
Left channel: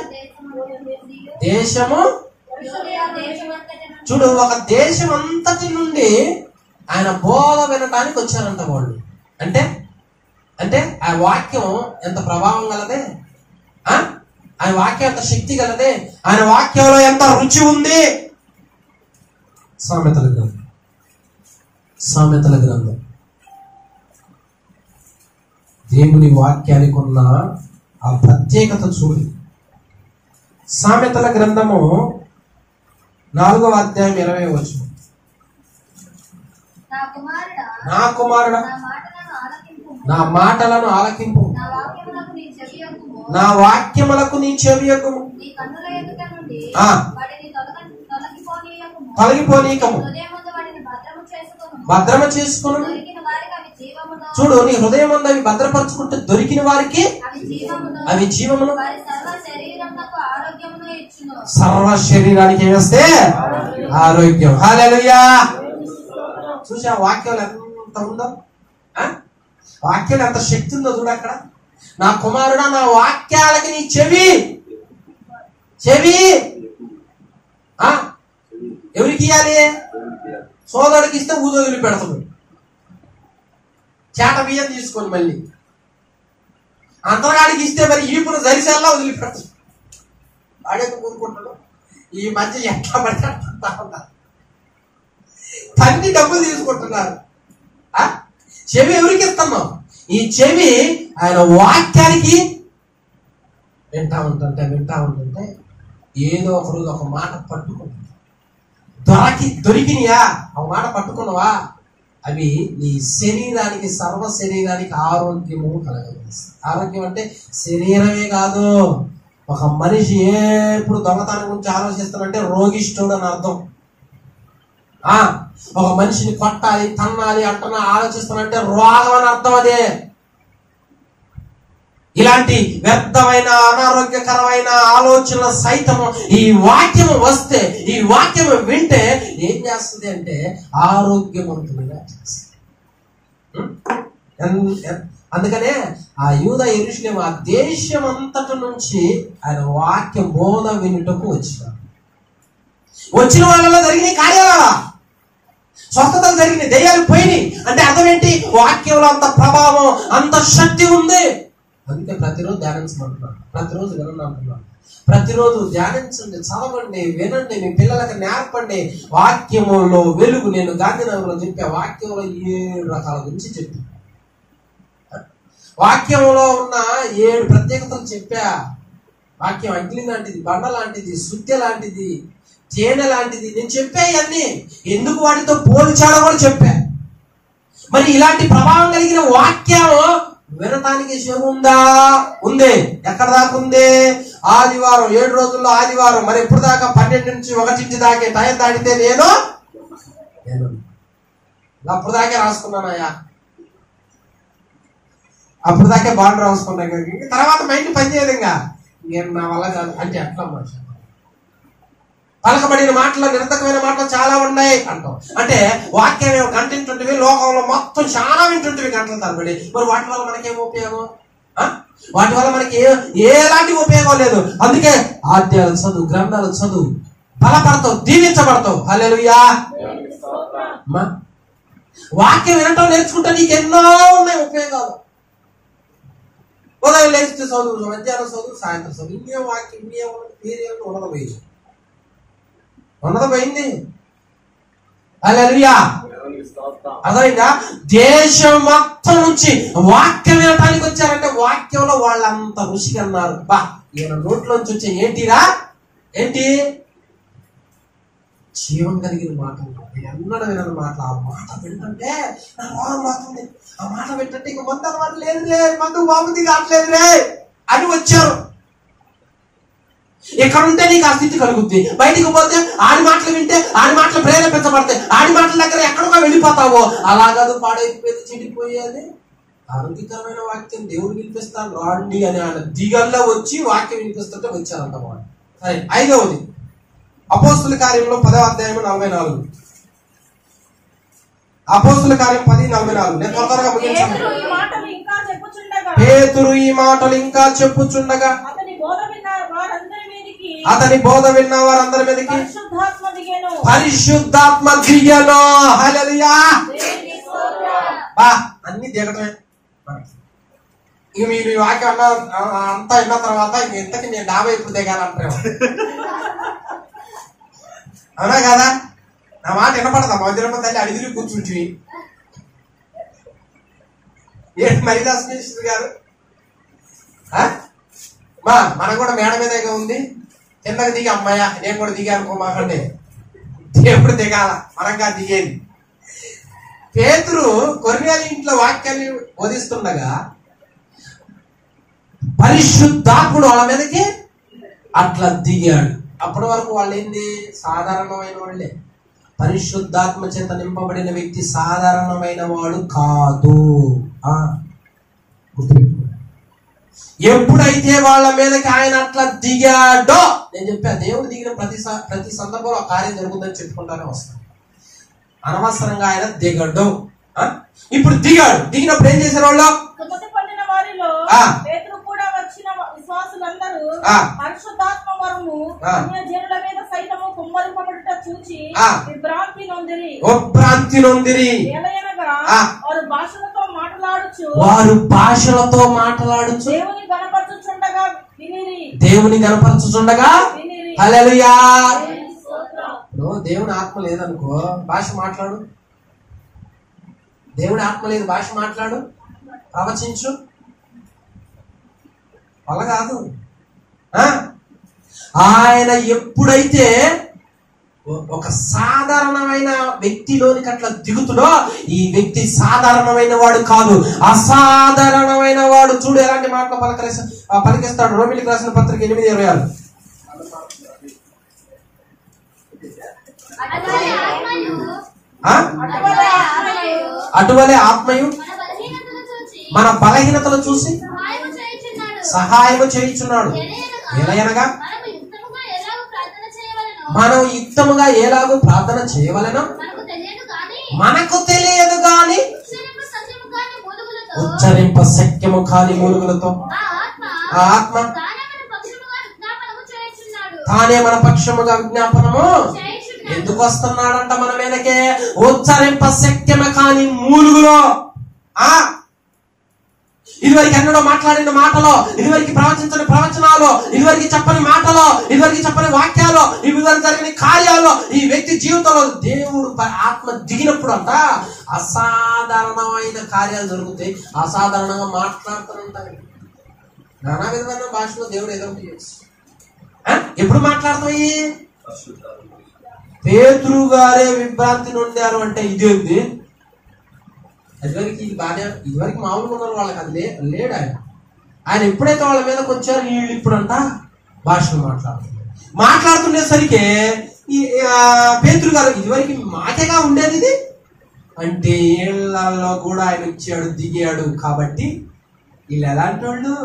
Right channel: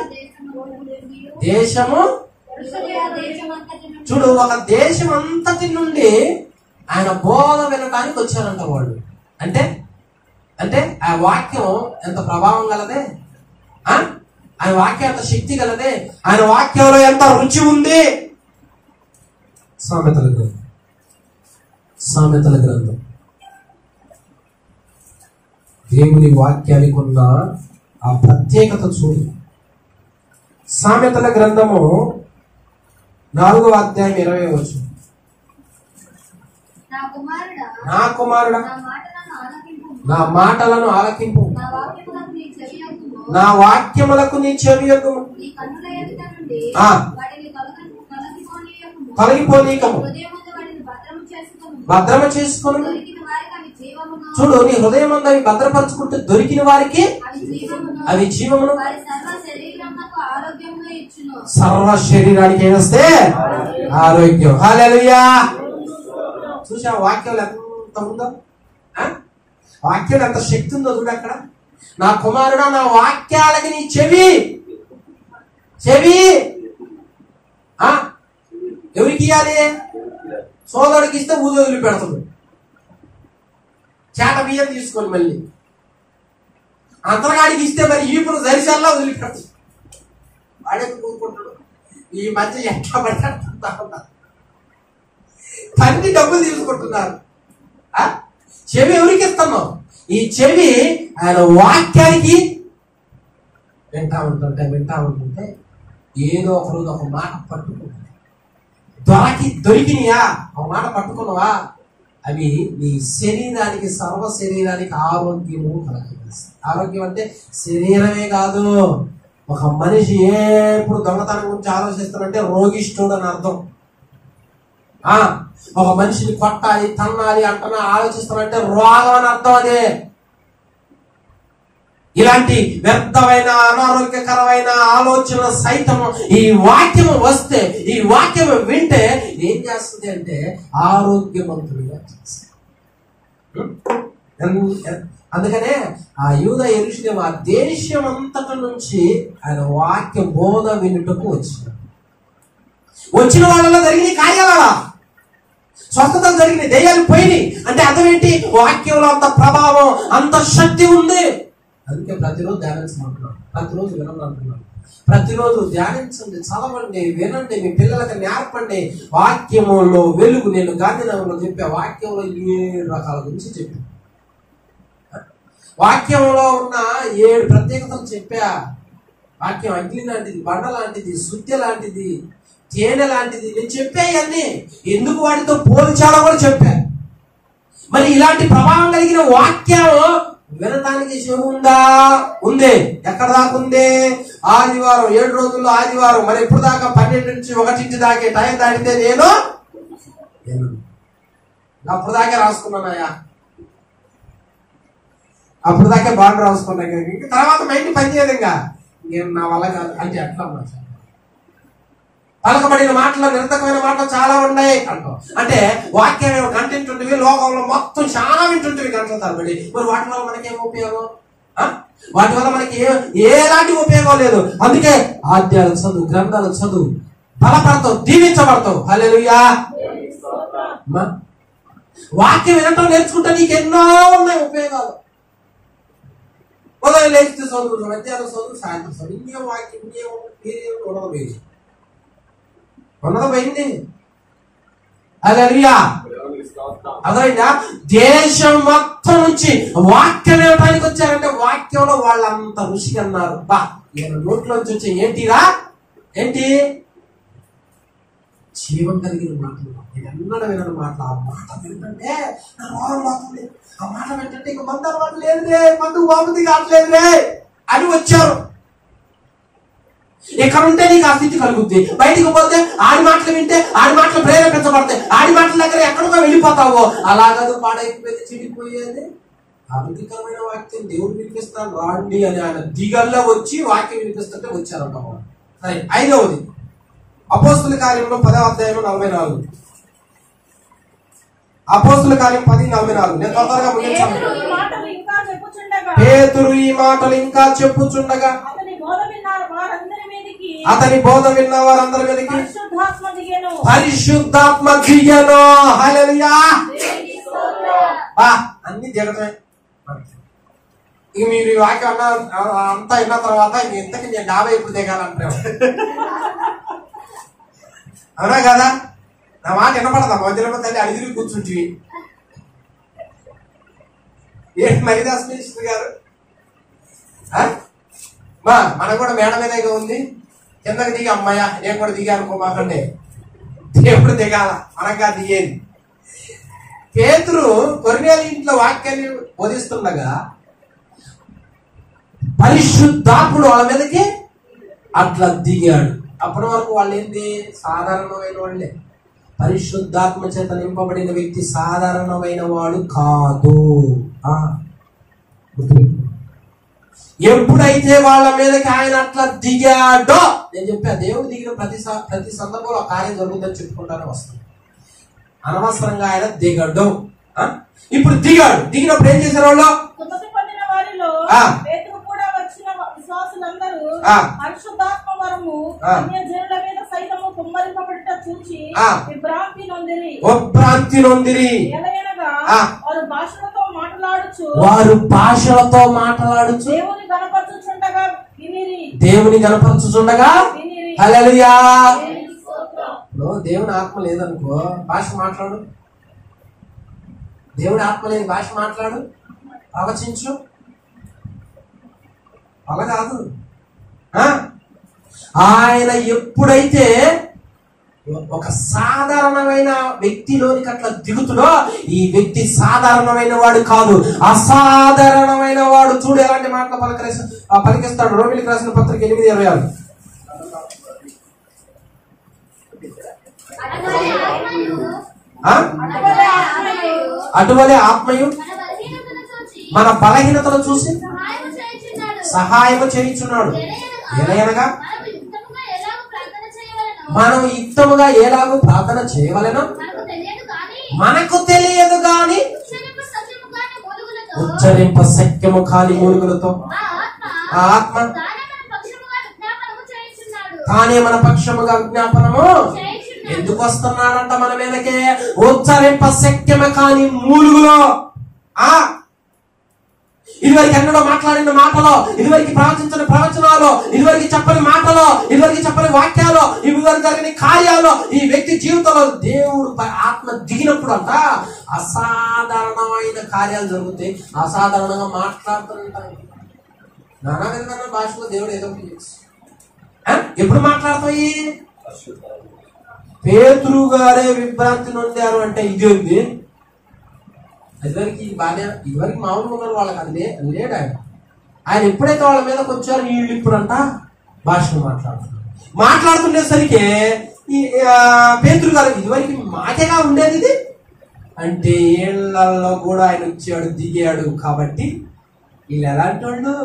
దేశము చూడు, ఒక దేశం అంతటి నుండి ఆయన బోధ వినటానికి వచ్చారంట వాళ్ళు. అంటే ఆ వాక్యం ఎంత ప్రభావం గలదే, ఆయన వాక్యం ఎంత శక్తి గలదే, ఆయన వాక్యంలో ఎంత రుచి ఉంది. సామెతల గ్రంథం. సామెతల గ్రంథం దేవుని వాక్యానికి ఉన్న ఆ ప్రత్యేకత చూడు. సామెతల గ్రంథము 4వ అధ్యాయం 20వ వచనం. నా కుమారుడా నా మాటలను ఆలకింపు, నా వాక్యములకు నీ చెవియొగ్గుము, తొలగిపోనీయకము, భద్రము చేసుకును. చూడు, నీ హృదయం అందు అవి భద్రపరుచుకుంటే దొరికిన వారికి అవి జీవమును, సర్వ శరీరానికి ఏస్తే ఆరోగ్యం. హల్లెలూయా. చూసా వాక్యాలు ఎంత ఉందో, వాక్యాలు ఎంత శక్తి ఉందో చూడు అక్కడ. నా కుమారుడా నా వాక్యాలకి నీ చెవి ఎవరికి ఇవ్వాలి? సోదరుడికి ఇస్తే ఊదొదిలి పెడతాడు, చేట బియ్యం తీసుకొని మళ్ళీ అంతగాడికి ఇస్తే మరి ఈపును జరిసల్లా వదిలిపెడతాడు. వాడెందుకు కూరుకుంటాడు? ఈ మధ్య ఎట్లా పడ్డా తన్ని డబ్బులు తీసుకుంటున్నారు. చెవి ఎవరికి ఇస్తున్నాం? ఈ చెవి ఆయన వాక్యానికి వింటా ఉంటుంటే ఏదో ఒకరోజు ఒక మాట పట్టుకుంటుంది. దొరికినయా ఒక మాట పట్టుకున్నావా, అవి నీ శరీరానికి, సర్వ శరీరానికి ఆరోగ్యము కలగజేస్తాయి. ఆరోగ్యం అంటే శరీరమే కాదు. ఒక మనిషి ఎప్పుడు దొంగతనం గురించి ఆలోచిస్తానంటే రోగిష్ఠుడు అని అర్థం. ఒక మనిషిని కొట్టాలి, తన్నాలి అంటున్నా ఆలోచిస్తానంటే రోగం అని అర్థం. అదే ఇలాంటి వ్యర్థమైన అనారోగ్యకరమైన ఆలోచన సైతం ఈ వాక్యం వస్తే, ఈ వాక్యం వింటే ఏం చేస్తుంది అంటే ఆరోగ్యవంతులుగా చేస్తుంది. అందుకనే ఆ యూదా యెరూషలేము ఆ దేశం అంతటి నుంచి ఆయన వాక్య బోధ వినుటకు వచ్చిన వాళ్ళలో జరిగిన కార్యాలా స్వస్థతలు జరిగినాయి, దెయ్యాలు పోయినాయి. అంటే అర్థం ఏంటి? వాక్యంలో అంత ప్రభావం, అంత శక్తి ఉంది. అందుకే ప్రతిరోజు ధ్యానించమంటున్నాను, ప్రతిరోజు వినండి, ప్రతిరోజు ధ్యానించండి, చదవండి, వినండి, మీ పిల్లలకు నేర్పండి. వాక్యములో వెలుగు. నేను గాంధీనగర్లో చెప్పా, వాక్యంలో 7 రకాల గురించి చెప్పా. వాక్యంలో ఉన్న 7 ప్రత్యేకతలు చెప్పా. వాక్యం అగ్ని లాంటిది, బండ లాంటిది, శుద్ధి లాంటిది, తేనె లాంటిది. నేను చెప్పాయన్నీ ఎందుకు వాటితో పోల్చాడో కూడా చెప్పా. మరి ఇలాంటి ప్రభావం కలిగిన వాక్యం వినటానికి చెవు ఉందా? ఉంది. ఎక్కడ దాకా ఉంది? ఆదివారం, 7 రోజుల్లో ఆదివారం. మరి ఎప్పుడు దాకా? 12 నుంచి 1 దాకే. టైం దాటితే నేను అప్పుడు దాకే రాసుకున్నానయ్యా, అప్పుడు దాకే బాండ్ రాసుకున్నా. తర్వాత మైండ్ పనిచేయదు. నేను నా వల్ల కాదు అంటే ఎట్లా మాట పలకబడిన మాటలు, నిరర్థకమైన మాటలు చాలా ఉన్నాయి అంటాం. అంటే వాక్యం గంట వింటుంటివి, లోకంలో మొత్తం చాలా వింటుంటివి గంటల తరబడి. మరి వాటి వల్ల మనకేం ఉపయోగం? వాటి వల్ల మనకి ఎలాంటి ఉపయోగం లేదు. అందుకే ఆద్యాలు చదువు, గ్రంథాలు చదువు, బలపడతావు, దీవించబడతావు. హల్లెలూయా. వాక్యం వినటం నేర్చుకుంటే నీకు ఎన్నో ఉన్నాయి ఉపయోగాలు. ఉదయం లేచితే చదువు, మధ్యాహ్నం చదువు, సాయంత్రం చదువు. ఇంకేం వాక్యం, ఇంకేం మీరేమి ఉండదు, పోయింది. హల్లెలూయా. అదైనా దేశం మొత్తం నుంచి వాక్యం వినటానికి వచ్చారంటే వాక్యంలో వాళ్ళంత రుచిగా అన్నారు. బా, ఈయన నోట్లోంచి వచ్చే ఏంటిరా? ఏంటి? జీవం కలిగిన మాటలు. నేను ఎన్నడూ వినని మాటలు. ఆ మాట వింటుంటే నా రోగం మాత్రమే. ఆ మాట వింటుంటే ఇక మందు అలవాటు లేదులే, మందు బాగుంది కావట్లేదులే అని వచ్చారు. ఇక్కడ ఉంటే నీకు ఆ స్థితి కలుగుద్ది. బయటికి పోతే ఆడి మాటలు వింటే ఆడి మాటలు ప్రేరేపించబడతాయి. ఆడి మాటల దగ్గర ఎక్కడికో వెళ్ళిపోతావో. అలాగదు పాడైపోయేది, చెడిపోయేది. ఆరోగ్యకరమైన వాక్యం దేవుడు వినిపిస్తాను రాండి అని ఆయన దిగల్లో వచ్చి వాక్యం వినిపిస్తుంటే వచ్చారంట వాళ్ళు. సరే, 5వది అపోస్తుల కార్యంలో 10వ అధ్యాయం 44. అపోస్తుల కార్యం 10:44. నేను త్వరగా ముగించాను. పేతురు ఈ మాటలు ఇంకా చెప్పుచుండగా అతని బోధ విన్న వారందరి మీదకి పరిశుద్ధాత్మ దిగెను. హల్లెలూయా. అన్ని దిగటమే. ఇక మీరు ఈ వాక్యం అంతా విన్న తర్వాత ఇంతకి నేను 50 ఇప్పుడు దిగాను అంటాను. అవునా కదా? నా మాట వినపడదా మధ్యలో తల్లి అడిగి కూర్చుంటివి ఏంటి మరిదాస్ మినిస్టర్ గారు? మనకు కూడా మేడ మీదేగా ఉంది, కిందకి దిగి అమ్మాయ నేను కూడా దిగా అనుకోమాకండి, దేవుడు దిగాల మనగా దిగేది. పేతురు కొర్నేలి ఇంట్లో వాక్యాన్ని బోధిస్తుండగా పరిశుద్ధాత్ముడు వాళ్ళ మీదకి అట్లా దిగాడు. అప్పటి వరకు వాళ్ళు ఏంది? సాధారణమైన వాళ్ళే. పరిశుద్ధాత్మ చేత నింపబడిన వ్యక్తి సాధారణమైన వాడు కాదు. ఎప్పుడైతే వాళ్ళ మీదకి ఆయన అట్లా దిగాడో, నేను చెప్పా దేవుడు దిగిన ప్రతి సందర్భంలో ఆ కార్యం జరుగుతుందని చెప్పుకుంటానే వస్తాను. అనవసరంగా ఆయన దిగాడు. ఇప్పుడు దిగాడు. దిగినప్పుడు ఏం చేశారు వాళ్ళు? విశ్వాసులందరూ పరిశుద్ధాత్మ వరము అన్యజనుల మీద సైతము కుమ్మరింపబడుట చూచి విభ్రాంతి నొందిరి. ఎలయనగా వారు భాషలతో మాట్లాడుచు దేవుని గణపరచుచుండగా హల్లెలూయా. దేవుని ఆత్మ లేదనుకో భాష మాట్లాడు, దేవుని ఆత్మ లేదు భాష మాట్లాడు, ప్రవచించు, అలా కాదు. ఆయన ఎప్పుడైతే ఒక సాధారణమైన వ్యక్తిలోనికి అట్లా దిగుతుడో, ఈ వ్యక్తి సాధారణమైన వాడు కాదు, అసాధారణమైన వాడు. చూడు ఎలాంటి మాటలు పలికిస్తాడు. రోమిలికి రాసిన పత్రిక 8:26. అటువలే ఆత్మయు మన బలహీనతలు చూసి సహాయము చేయుచున్నాడు. ఎలయనగా మనం యుక్తముగా ఎలాగో ప్రార్థన చేయవలెనో మనకు తెలియదు గాని ఉచ్చరింప శక్యము కాని మూలుగులతో ఆ ఆత్మ తానే మన పక్షముగా విజ్ఞాపనము ఎందుకు వస్తున్నాడంట మన మీదకే? ఉచ్చరింప శక్యము కాని మూలుగులో. ఇదివరకు ఎన్నడో మాట్లాడిన మాటలో, ఇదివరకు ప్రవచించని ప్రవచనాలు, ఇదివరకు చెప్పని మాటలో, ఇదివరకు చెప్పని వాక్యాలు, ఇదివరకు జరిగిన కార్యాలు ఈ వ్యక్తి జీవితంలో దేవుడు ఆత్మ దిగినప్పుడు అంట అసాధారణమైన కార్యాలు జరుగుతాయి. అసాధారణంగా మాట్లాడుతుంటాయి. నానా విధమైన భాషలో దేవుడు ఏదో ఎప్పుడు మాట్లాడతాయి? పేతురు గారే విభ్రాంతి నొందారు అంటే ఇది ఉంది. ఇదివరకు మామూలుగా ఉన్నారు వాళ్ళకి అది లేడు. ఆయన ఎప్పుడైతే వాళ్ళ మీదకి వచ్చారో వీళ్ళు ఇప్పుడంట భాషలు మాట్లాడుతుండేసరికి ఈ పేతురు గారు ఇదివరకు మాకేగా ఉండేది ఇది అంటే ఏళ్లలో కూడా ఆయన వచ్చాడు, దిగాడు. కాబట్టి వీళ్ళు ఎలాంటి వాళ్ళు?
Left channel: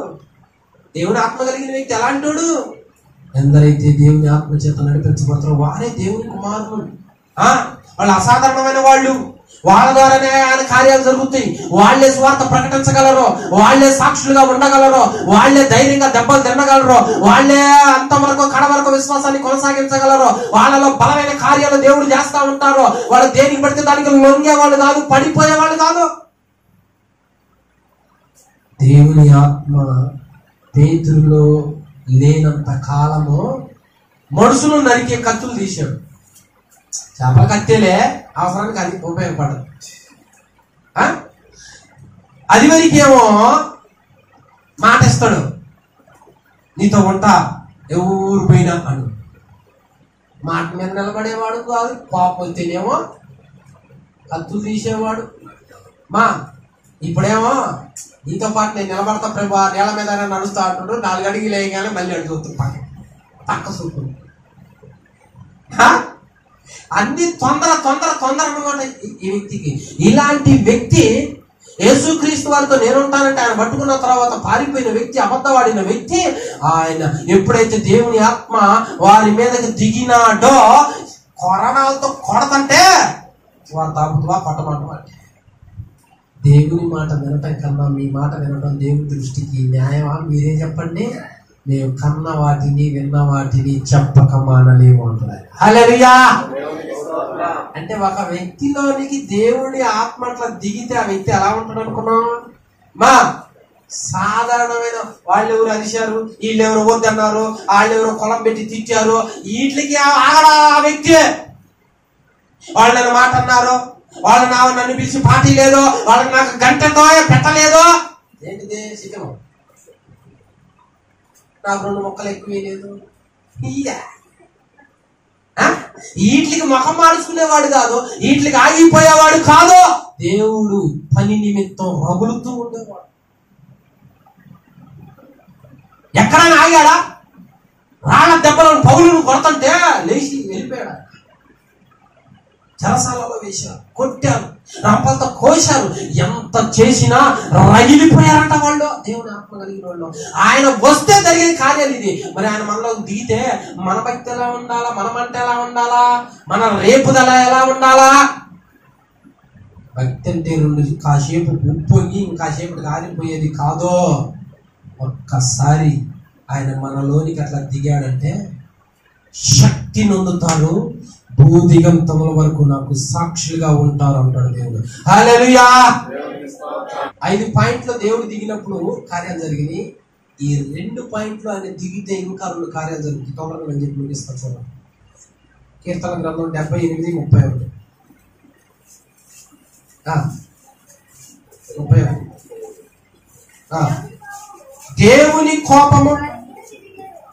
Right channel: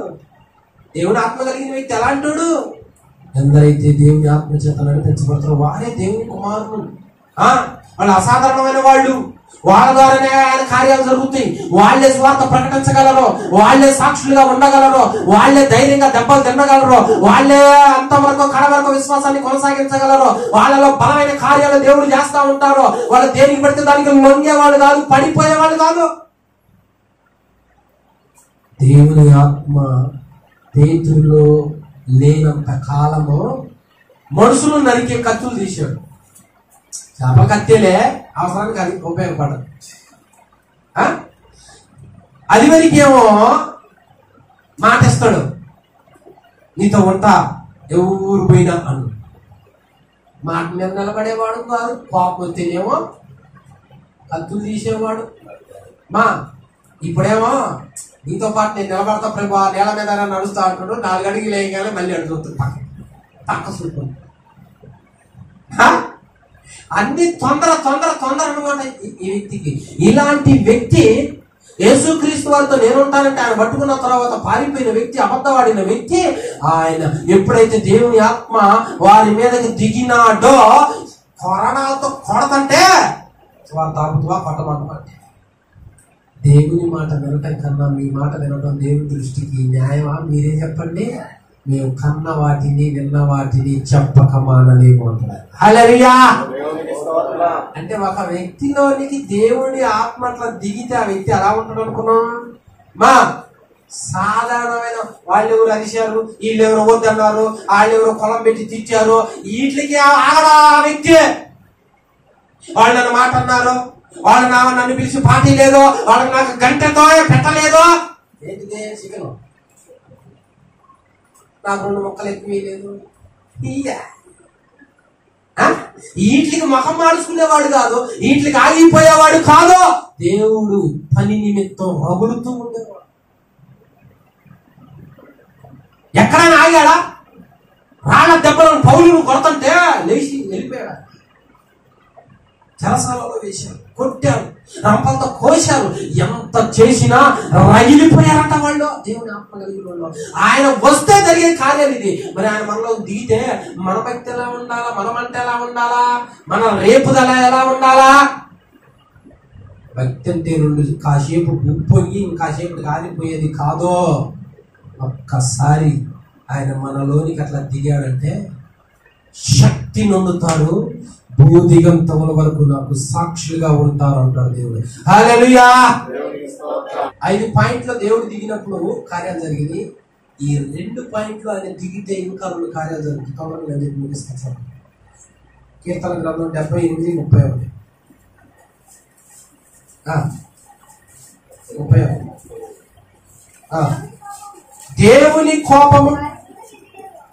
దేవుని ఆత్మ కలిగిన వ్యక్తి ఎలాంటి వాడు? ఎందరైతే దేవుని ఆత్మ చేత నడిపించబడతారో వారే దేవుని కుమారులు. వాళ్ళు అసాధారణమైన వాళ్ళు. వాళ్ళ ద్వారానే ఆయన కార్యాలు జరుగుతాయి. వాళ్లే స్వార్థ ప్రకటించగలరు, వాళ్లే సాక్షులుగా ఉండగలరు, వాళ్లే ధైర్యంగా దెబ్బలు తినగలరు, వాళ్లే అంతవరకు కడవరకు విశ్వాసాన్ని కొనసాగించగలరు. వాళ్ళలో బలమైన కార్యాలు దేవుడు చేస్తా ఉంటారు. వాళ్ళు దేనికి పడితే దానికి లొంగేవాళ్ళు కాదు, పడిపోయేవాళ్ళు కాదు. దేవుని ఆత్మ పేతురులో లేనంత కాలము మనుషులు నరికే కత్తులు తీశాడు. చేపల కత్తేలే అవసరానికి అది ఉపయోగపడదు. అది వరకేమో మాట ఇస్తాడు, నీతో ఉంటా ఎవరు పోయినా అను. మాట మీద నిలబడేవాడు కాదు, కోపం వస్తేనేమో కత్తులు తీసేవాడు. ఇప్పుడేమో నీతో పాటు నేను నిలబడతా ప్రభు, ఆ నేల మీద నడుస్తా అంటున్నాడు. 4 అడుగులు వేయగానే మళ్ళీ అడుగుతుంది పక్క చూపుతుంది. అన్ని తొందర అనమాట ఈ వ్యక్తికి. ఇలాంటి వ్యక్తి యేసుక్రీస్తు వారితో నేనుంటానంటే ఆయన పట్టుకున్న తర్వాత పారిపోయిన వ్యక్తి, అబద్ధవాడిన వ్యక్తి. ఆయన ఎప్పుడైతే దేవుని ఆత్మ వారి మీదకి దిగినాడో కొరణాలతో కొడతంటే వారు తాగుతువా కొట్టమంట. దేవుని మాట వినటం కన్నా మీ మాట వినటం దేవుని దృష్టికి న్యాయమా? మీరే చెప్పండి. మేము కన్న వాటిని విన్న వాటిని చెప్పక మానలేము అంటున్నారు. హల్లెలూయా. అంటే ఒక వ్యక్తిలోనికి దేవుని ఆత్మ అట్లా దిగితే ఆ వ్యక్తి ఎలా ఉంటాడు అనుకున్నాం? సాధారణమైన వాళ్ళు ఎవరు అరిశారు, వీళ్ళు ఎవరు వద్దన్నారు, వాళ్ళు ఎవరు కొలం పెట్టి తిట్టారు, వీటికి ఆగడా ఆ వ్యక్తి. వాళ్ళు నన్ను మాట అన్నారు, వాళ్ళు నన్ను పిలిచి పార్టీ లేదో, వాళ్ళకి నాకు గంటతో పెట్టలేదో. ఏంటిదే చికెన్, నాకు 2 ముక్కలు ఎక్కువ లేదు. వీటికి ముఖం మార్చుకునేవాడు కాదు, వీటికి ఆగిపోయేవాడు కాదు. దేవుడు పని నిమిత్తం రగులుతూ ఉండేవాడు. ఎక్కడైనా ఆగాడా? రాళ్ళ దెబ్బలను పౌలును కొడుతుంటే లేచి వెళ్ళిపోయాడు. చెరసాలలో వేశారు, కొట్టారు, రంపంతో కోశారు. ఎంత చేసినా రగిలిపోయారంట వాళ్ళు. దేవుని ఆత్మ కలిగిన వాళ్ళు. ఆయన వస్తే జరిగే కార్యాలు ఇది. మరి ఆయన మనలో దిగితే మన భక్తి ఎలా ఉండాలా, మన మంట ఎలా ఉండాలా, మన రేపుదల ఎలా ఉండాలా? భక్తి అంటే 2 కాసేపు ఉప్పొంగి ఇంకాసేపు ఆరిపోయేది కాదో. ఒక్కసారి ఆయన మనలోనికి అట్లా దిగాడంటే శక్తి నొందుతారు, భూదిగంతముల వరకు నాకు సాక్షులుగా ఉంటారు అంటాడు దేవుడు. హల్లెలూయా. 5 పాయింట్లు దేవుడు దిగినప్పుడు కార్యాలు జరిగింది. ఈ 2 పాయింట్లు ఆయన దిగితే ఇంకా 2 కార్యాలు జరుగుతాయి. తొందరగా నేను చెప్పి ముగిస్తాను. చూడండి, కీర్తన గ్రంథం 78:31. 31.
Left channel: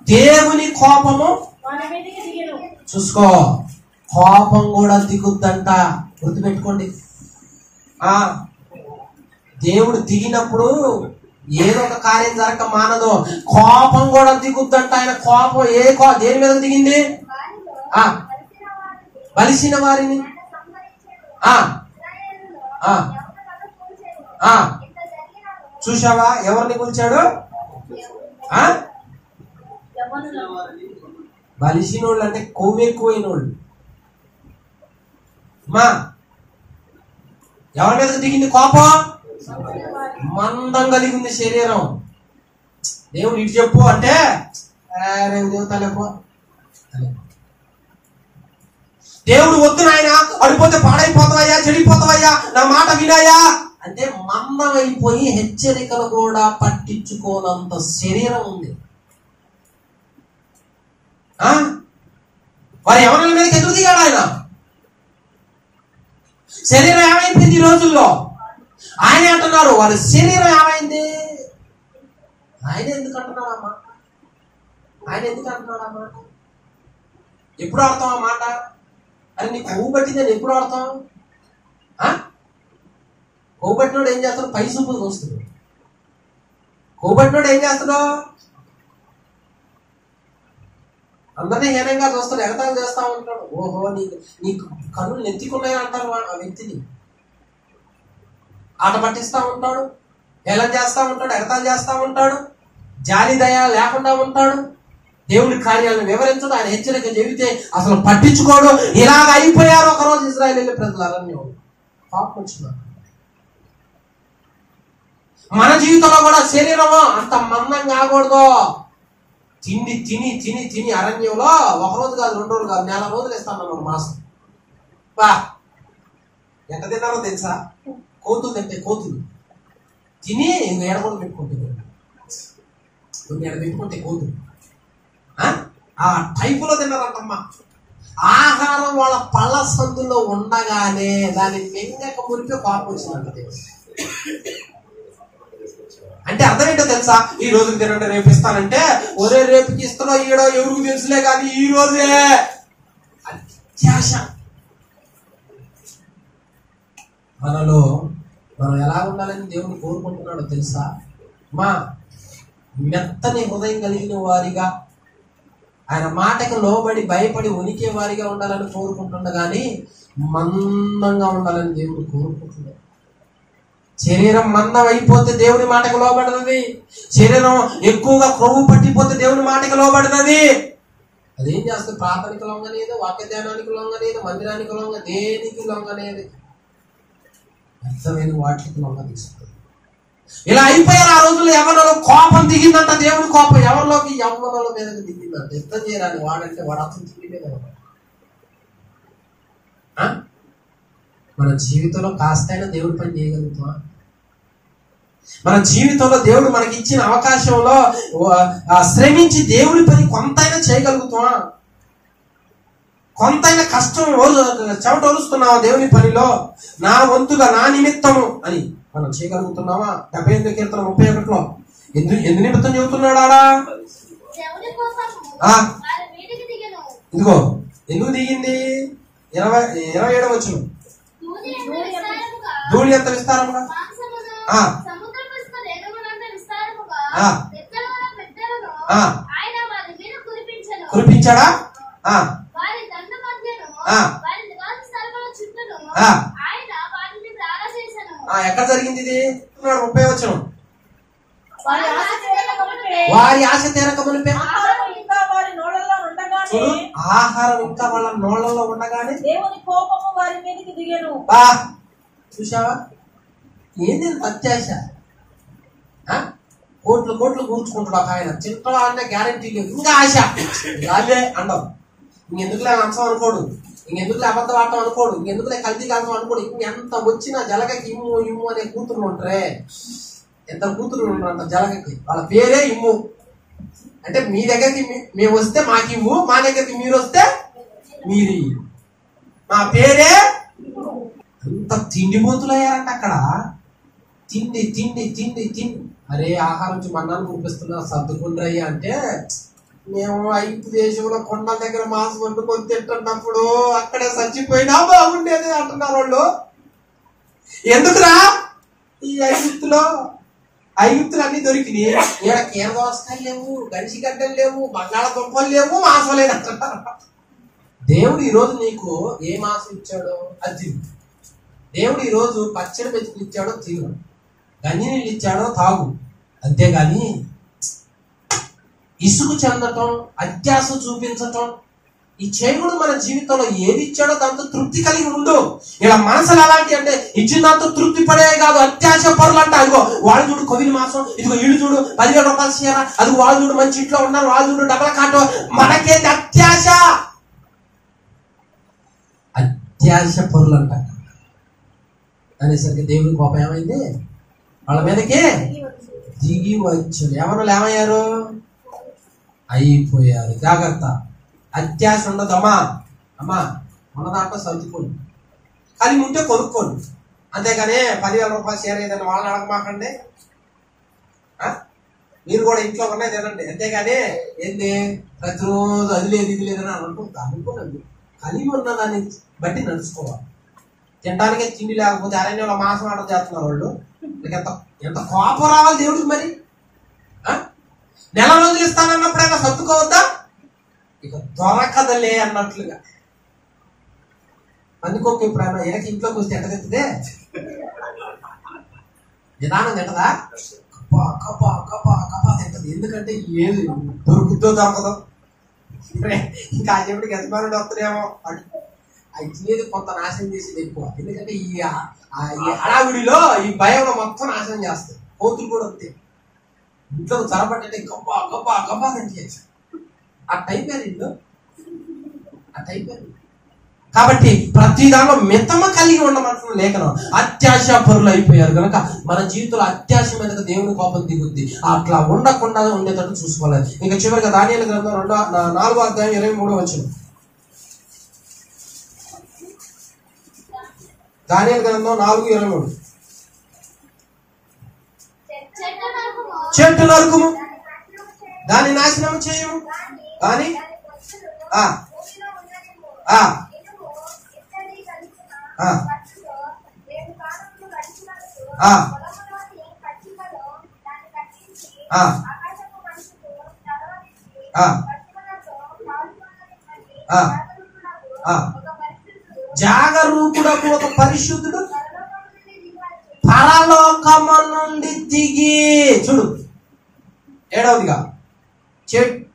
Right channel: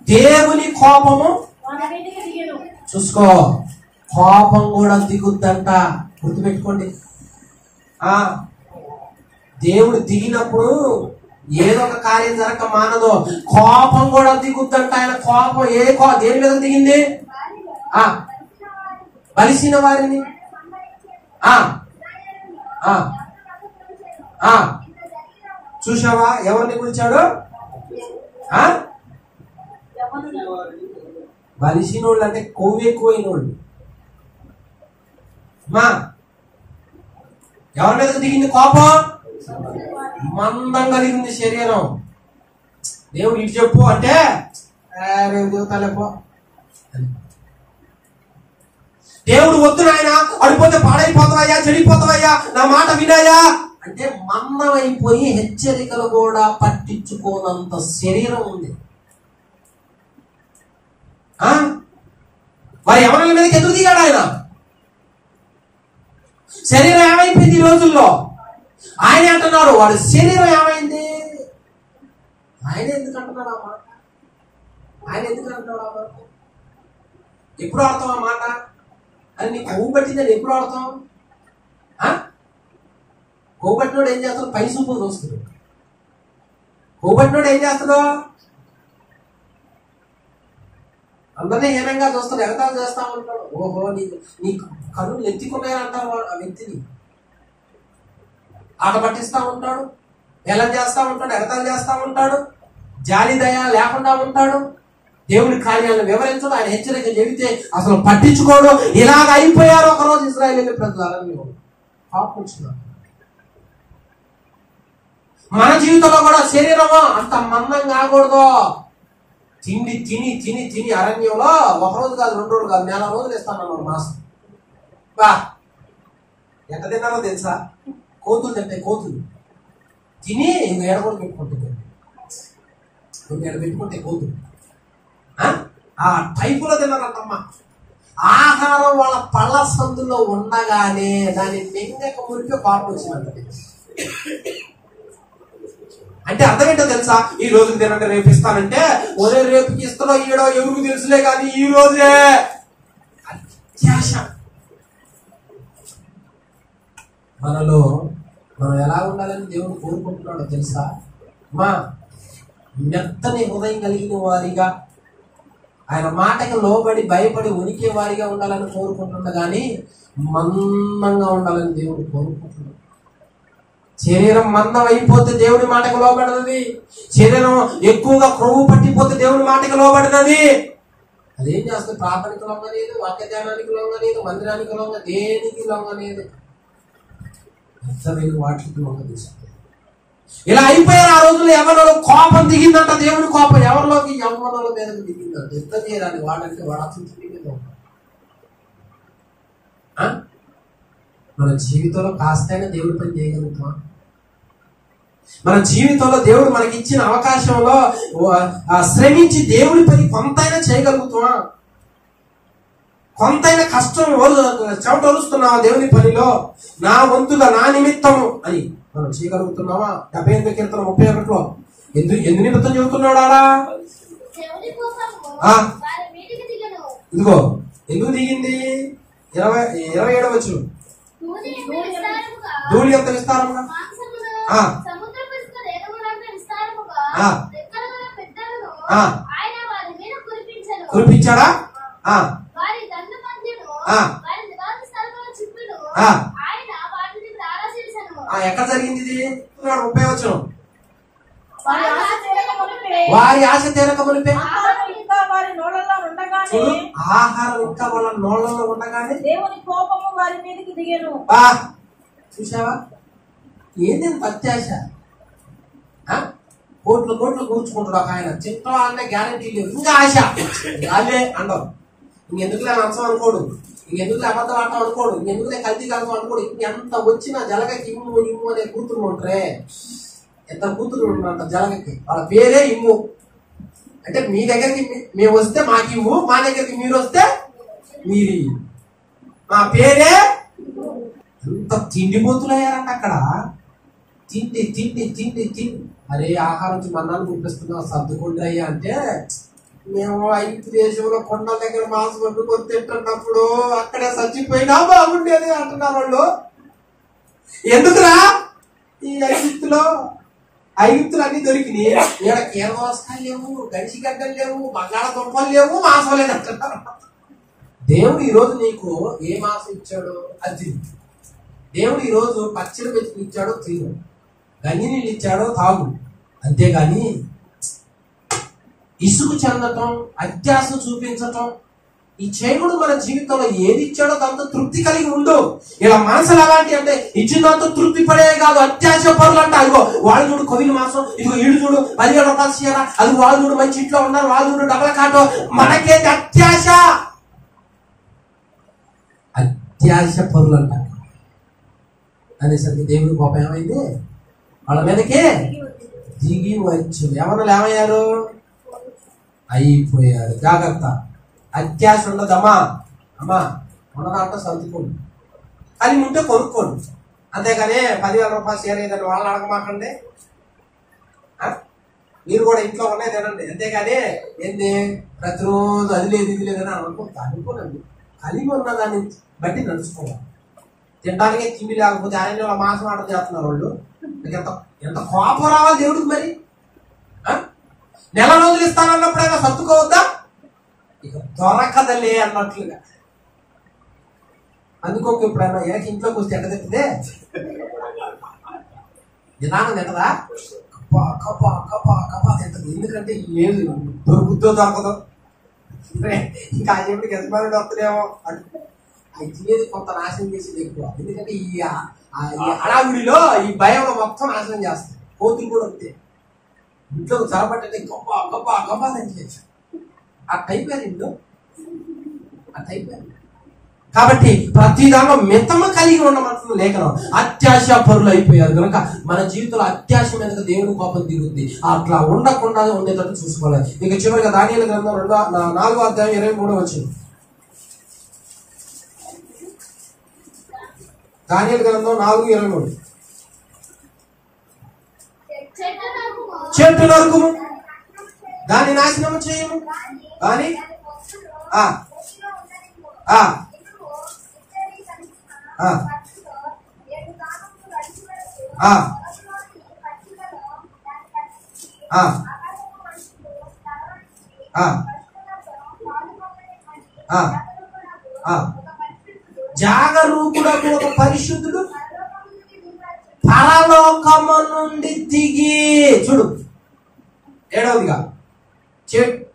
దేవుని కోపము చూసుకో, కోపం కూడా దిగుద్దంట. గుర్తుపెట్టుకోండి. దేవుడు దిగినప్పుడు ఏదో ఒక కార్యం జరగక మానదు, కోపం కూడా దిగుద్దంట. ఆయన కోపం దేని మీద దిగింది? బలిసిన వారిని. చూసావా ఎవరిని కూల్చాడు? బలిసినోళ్ళు అంటే కొవ్వు ఎక్కువైన వాళ్ళు. ఎవరి మీద దిగింది కోపం? మందం కలిగింది శరీరం. దేవుడు ఇటు చెప్పు అంటే దేవతలేపో. దేవుడు వద్దు నాయన, అడిపోతే పాడైపోతావయ్యా, చెడిపోతావయ్యా, నా మాట వినాయా అంటే మందం అయిపోయి హెచ్చరికలు కూడా పట్టించుకోనంత శరీరం ఉంది. వారి ఎవరి మీదకి ఎందుకు దిగాడు ఆయన? శరీరం ఏమైపోయింది ఈ రోజుల్లో? ఆయన అంటున్నారు వారి శరీరం ఏమైంది. ఆయన ఎందుకు అంటున్నాడు ఆ మాట? ఆయన ఎందుకు అంటున్నాడు ఆ మాట? ఎప్పుడు ఆడతాం ఆ మాట? అని నీకు కొవ్వు పట్టిందని ఎప్పుడు ఆడతాం? కొవ్వు పట్టినోడు ఏం చేస్తాడు? పై సూపులు చూస్తున్నాడు. కొవ్వు పట్టినోడు ఏం చేస్తాడు? అందరినీ హీనంగా చూస్తాడు, ఎగతాలు చేస్తా ఉంటాడు. ఓహో నీ కన్నులు నెత్తికున్నాయని అంటారు ఆ వ్యక్తిని. ఆట పట్టిస్తా ఉంటాడు, హేళన చేస్తా ఉంటాడు, ఎగతాలు చేస్తా ఉంటాడు, జాలి దయ లేకుండా ఉంటాడు. దేవుడి కార్యాలను వివరించడం, ఆయన హెచ్చరిక చెబితే అసలు పట్టించుకోవడం. ఇలాగ అయిపోయారు ఒకరోజు ఇశ్రాయేలు ప్రజలు. అరణ్యం పాపం వచ్చినారు. మన జీవితంలో కూడా శరీరము అంత మందం కాకూడదు. తిండి తిని తిని తిని అరణ్యంలో 1 రోజు కాదు, 2 రోజులు కాదు, 4 రోజులు ఇస్తాను మాసం. ఎంత తిన్నారో తెలుసా? కోతులు తింటాయి. కోతులు తిని ఎడ కూడా పెట్టుకుంటుంది. ఎడ పెట్టుకుంటే కోతులు ఆ టైపులో తిన్నారంటమ్మా. ఆహారం వాళ్ళ పళ్ళ సందులో ఉండగానే దాన్ని మెంగక మురిపి కోపం వచ్చిందంట. అంటే అర్థం ఏంటో తెలుసా? ఈ రోజుకి తినంటే రేపు ఇస్తానంటే, ఒరే రేపుకి ఇస్తానో ఈడో ఎవరికి తెలుసులే కానీ ఈ రోజే అత్యాశ. మనలో మనం ఎలా ఉండాలని దేవుడు కోరుకుంటున్నాడో తెలుసా? మెత్తని హృదయం కలిగిన వారిగా, ఆయన మాటకు లోబడి భయపడి ఉనికి వారిగా ఉండాలని కోరుకుంటున్నా కానీ మందంగా ఉండాలని దేవుడు కోరుకుంటున్నాడు. శరీరం మందం అయిపోతే దేవుని మాటకు లోబడినది. శరీరం ఎక్కువగా క్రొవ్వు పట్టిపోతే దేవుని మాటకు లోబడినది. అదేం చేస్తుంది? ప్రార్థనకి లొంగనేది, వాక్య ధ్యానానికి లొంగనేది, మందిరానికి లొంగ, దేనికి లొంగనేది, అర్థమైన వాటికి లొంగ తీసుకుంటుంది. ఇలా అయిపోయారు ఆ రోజుల్లో. యవ్వనంలో కోపం దిగిందంట. దేవుని కోపం ఎవరిలోకి? యవ్వనంలో మీదకి దిగిందంట. యుద్ధం చేయడానికి వాడంటే వాడు అతను తిరిగి మీద ఉంటాడు. మన జీవితంలో కాస్తైనా దేవుడి పని చేయగలుగుతామా? మన జీవితంలో దేవుడు మనకి ఇచ్చిన అవకాశంలో శ్రమించి దేవుడి పని కొంతైనా చేయగలుగుతామా? కొంతైనా కష్టం చెమట ఒలుస్తున్నావా దేవుని పనిలో? నా వంతుగా నా నిమిత్తము అని మనం చేయగలుగుతున్నావా? 78 కీర్తన 31లో ఎందు నిమిత్తం చెబుతున్నాడు ఆడా? ఇదిగో ఎందుకు దిగింది? 27వ వచనం, ధూళి ఎంత విస్తారముగా కురిపించాడా? ఎక్కడ జరిగింది ఇది? 30వ వచనం, వారి ఆశ తీరక మునిపే ఆహారం ఇంకా వాళ్ళ నోళ్ళలో ఉండగానే దేవుని కోపము వారి మీదకి దిగెను. చూసావా ఏంది అత్యాశ? కోట్లు కూర్చుకుంటాడు ఒక ఆయన, చిత్రం అంటే గ్యారంటీ లేదు, ఇంకా ఆశ అదే అండవు. ఇంకెందుకులే నచ్చం అనుకోడు, ఇంకెందుకులే అబద్ధం ఆడటం అనుకోడు, ఇంకెందుకులే కల్తీ కాదు అనుకోడు. ఇంకెంత వచ్చినా జలగకి ఇమ్ము అనే కూతురు ఉంటారే, ఎంత కూతురు ఉంటారంట జలగకి, వాళ్ళ పేరే ఇమ్ము. అంటే మీ దగ్గరికి మేము వస్తే మాకు ఇవ్వు, మా దగ్గరికి మీరు వస్తే మీరు, మా పేరే. అంత తిండిపోతులయ్యారంట అక్కడ. తిండి తిండి తిండి తిండి. అరే ఆహారం మన్నాను చూపిస్తున్నా సర్దుకుండ్రయ్యా అంటే, మేము 5 దేశంలో కొండల దగ్గర మాంసం వండుకొని తింటున్నప్పుడు అక్కడే చచ్చిపోయినా బాగుండేది అంటున్నారు వాళ్ళు. ఎందుకురా? ఈ ఐగుప్తులు అన్ని దొరికినాయి, ఇక్కడ కీరదోసకాయలు లేవు, గడిచిగడ్డలు లేవు, బంగాళదుంపలు లేవు, మాంసం లేదంటున్నారు. దేవుడు ఈరోజు నీకు ఏ మాంసం ఇచ్చాడో అది. దేవుడు ఈరోజు పచ్చడి మెతుకులు ఇచ్చాడో తిను, గంజి నీళ్ళు ఇచ్చాడో తాగు. అంతేగాని ఇసుకు చెందటం, అత్యాశ చూపించటం ఈ చేయకుడు. మన జీవితంలో ఏది ఇచ్చాడో దాంతో తృప్తి కలిగి ఉండు. ఇలా మనసులు ఎలాంటి అంటే ఇచ్చిన దాంతో తృప్తి పడే కాదు, అత్యాశ పరులు అంట. ఇదిగో వాళ్ళు చూడు కొవిలి మాసం, ఇదిగో వీడు చూడు 10,000 రూపాయలు చీర, అది వాళ్ళు చూడు మంచి ఇంట్లో ఉన్నారు, వాళ్ళు చూడు డబల్ కాటో. మనకేది అత్యాశ? అత్యాశ పరులు అంట అనేసరికి దేవుడి కోపం ఏమైంది? వాళ్ళ మీదకే దిగి వచ్చాడు. ఎవరు ఏమయ్యారు? అయిపోయారు. జాగ్రత్త, అత్యాశ ఉండదమ్మా. అమ్మా ఉన్న దాంట్లో సర్దుకోండి, కలిగి ఉంటే కొనుక్కోండి. అంతేగాని 10,000 రూపాయలు షేర్ ఏదైనా వాళ్ళని అడగమాకండి. మీరు కూడా ఇంట్లో ఉన్నాయి తినండి. అంతేగాని ఏంది ప్రతిరోజు అది లేదు ఇది లేదని అనుకోనండి. కలిగి ఉన్న దాన్ని బట్టి నడుచుకోవాలి. తినడానికి తిండి లేకపోతే అరణ్యంలో మాంసం ఆర్డర్ చేస్తున్నారు వాళ్ళు. ఎంత కోపం రావాలి దేవుడికి మరి? నెల రోజులు ఇస్తానన్నప్పుడైనా సర్దుకోవద్దా? ఇక దొరకదలే అన్నట్లుగా. అందుకోక ఎప్పుడైనా ఏక ఇంట్లోకి వస్తే ఎట్ట తింటదే? నిదానం తింటదా? కప్పా కప్పా కప్పా కప్పా తింటది. ఎందుకంటే ఏది దొరుకుతో దొరకదు. ఇంకా ఆ చెవిడికి ఎంతమంది వస్తుందేమో అది కొంత నాశనం చేసేది ఎక్కువ. ఎందుకంటే ఈ హడావుడిలో ఈ భయంలో మొత్తం నాశనం చేస్తాయి. కోతులు కూడా అంతే, ఇంట్లో చరబట్టే గబ్బా గబ్బా గబ్బా అని చేసి ఆ టైప్ ఇల్లు ఆ టైప్. కాబట్టి ప్రతి దానిలో మితము కలిగి ఉండమంటున్న లేఖనం. అత్యాశ పరులు అయిపోయారు కనుక మన జీవితంలో అత్యాశ మీద దేవుని కోపం దిగుద్ది. అట్లా ఉండకుండా ఉండేటట్టు చూసుకోవాలి. ఇక చివరిగా దానియేలు గ్రంథం 4వ అధ్యాయం 23వ వచనం. దానియేలు గ్రంథం 4:23. చెట్టు నరుకుము, దాన్ని నాశనము చేయము, కానీ జాగరూకుడకు ఒక పరిశుద్ధుడు పరలోకము నుండి దిగి, చూడు 7వదిగా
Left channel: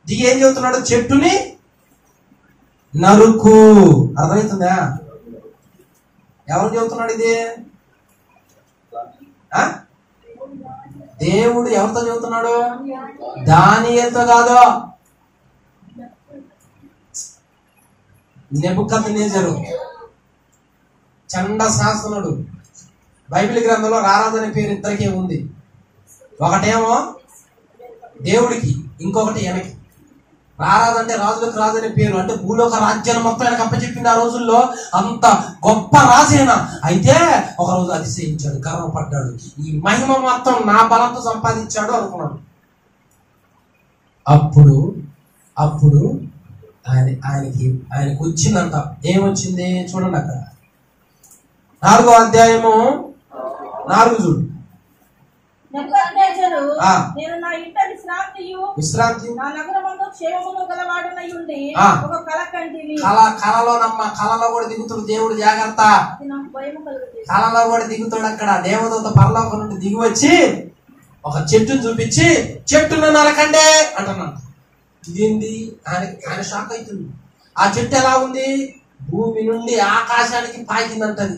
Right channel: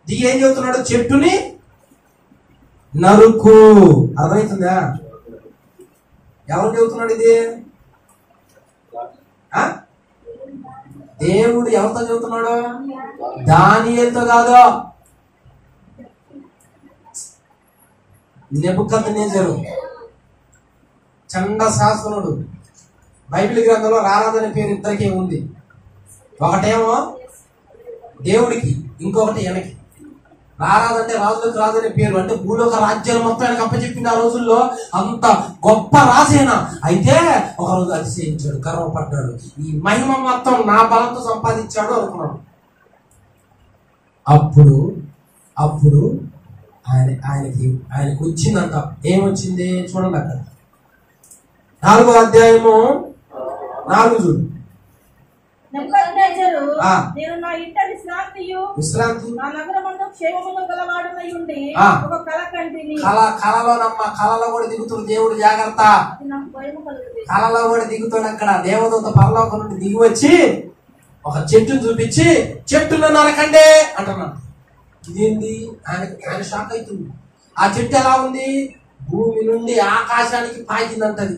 దిగి ఏం చెబుతున్నాడు? చెట్టుని నరుకు. అర్థమవుతుందా? ఎవరు చెబుతున్నాడు ఇది? దేవుడు ఎవరితో చెబుతున్నాడు? దానియేలుతో కాదు, నెబుకద్నెజరు చండ శాసనుడు. బైబిల్ గ్రంథంలో రారాదనే పేరు ఇద్దరికే ఉంది. ఒకటేమో దేవుడికి, ఇంకొకటి ఈయనకి. రారాజు అంటే రాజులకు రాజు అనే పేరు, అంటే భూలోక రాజ్యాన్ని మొత్తం ఆయనకు అప్పచెప్పింది ఆ రోజుల్లో. అంత గొప్ప రాజైనా అయితే ఒక రోజు అతిశయించాడు, గర్వపడ్డాడు. ఈ మహిమ మొత్తం నా బలంతో సంపాదించాడు అనుకున్నాడు. అప్పుడు ఆయనకు వచ్చిందంట. ఏమొచ్చింది చూడండి అక్కడ 4వ అధ్యాయము 4 చూడు. నేను నా ఇంట విశ్రాంతి నా నగరమందు క్షేమమును గలవాడనై ఉండి ఒక కల కంటిని. కలలో కూడా దిగుతాడు దేవుడు, జాగ్రత్త. నాకు భయము కలుగుతుంది. కలలో కూడా దిగుతాడు. అక్కడ దేవదూత పరలోకం నుండి దిగి వచ్చి ఒక చెట్టును చూపించి చెట్టును నరకండి అంటున్నాడు. ఇదేంది? ఆయన షాక్ అవుతుంది. ఆ చెట్టు ఎలా ఉంది? భూమి నుండి ఆకాశానికి పాకిందంటది.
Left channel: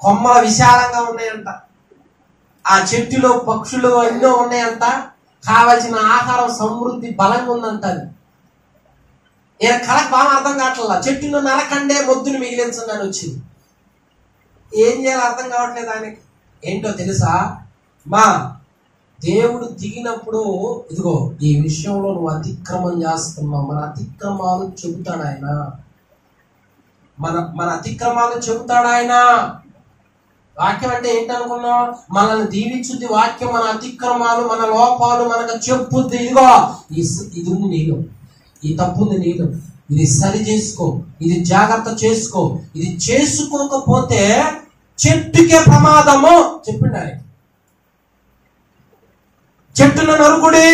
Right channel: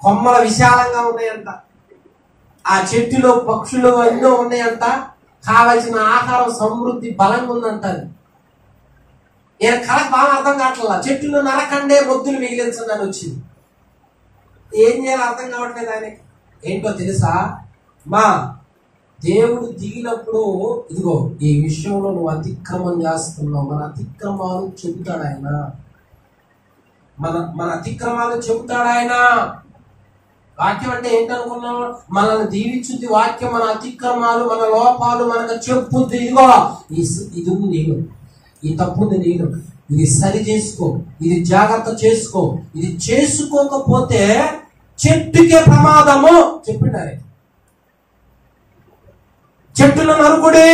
కొమ్మల విశాలంగా ఉన్నాయంట. ఆ చెట్టులో పక్షులు ఎన్నో ఉన్నాయంట. కావలసిన ఆహారం సమృద్ధి బలంగా ఉందంట. ఈయన కళకు బాగా అర్థం కావట్లా. చెట్టును నరకండే మొద్దులు మిగిలించండి అని వచ్చింది. ఏం చేయాలో అర్థం కావట్లేదు ఆయనకి. ఏంటో తెలుసా? మా దేవుడు దిగినప్పుడు ఇదిగో ఈ విషయంలో నువ్వు అతిక్రమం చేస్తున్నావు, మన అతిక్రమాలు చెబుతాడు ఆయన. మన అతిక్రమాలు చెబుతాడు ఆయన. వాక్యం అంటే ఏంటనుకున్నాం? మనల్ని దీవించుద్ది వాక్యం. మన అతిక్రమాలు, మన లోపాలు మనకు చెప్పుద్ది. ఇదిగో ఇది ఉంది నీలో, ఈ తప్పుంది నీలో, ఇది సరి చేసుకో, ఇది జాగ్రత్త చేసుకో. ఇది చేసుకోకపోతే చెట్టుకే ప్రమాదము చెప్పిండు ఆయన. చెట్టును నరుకుడే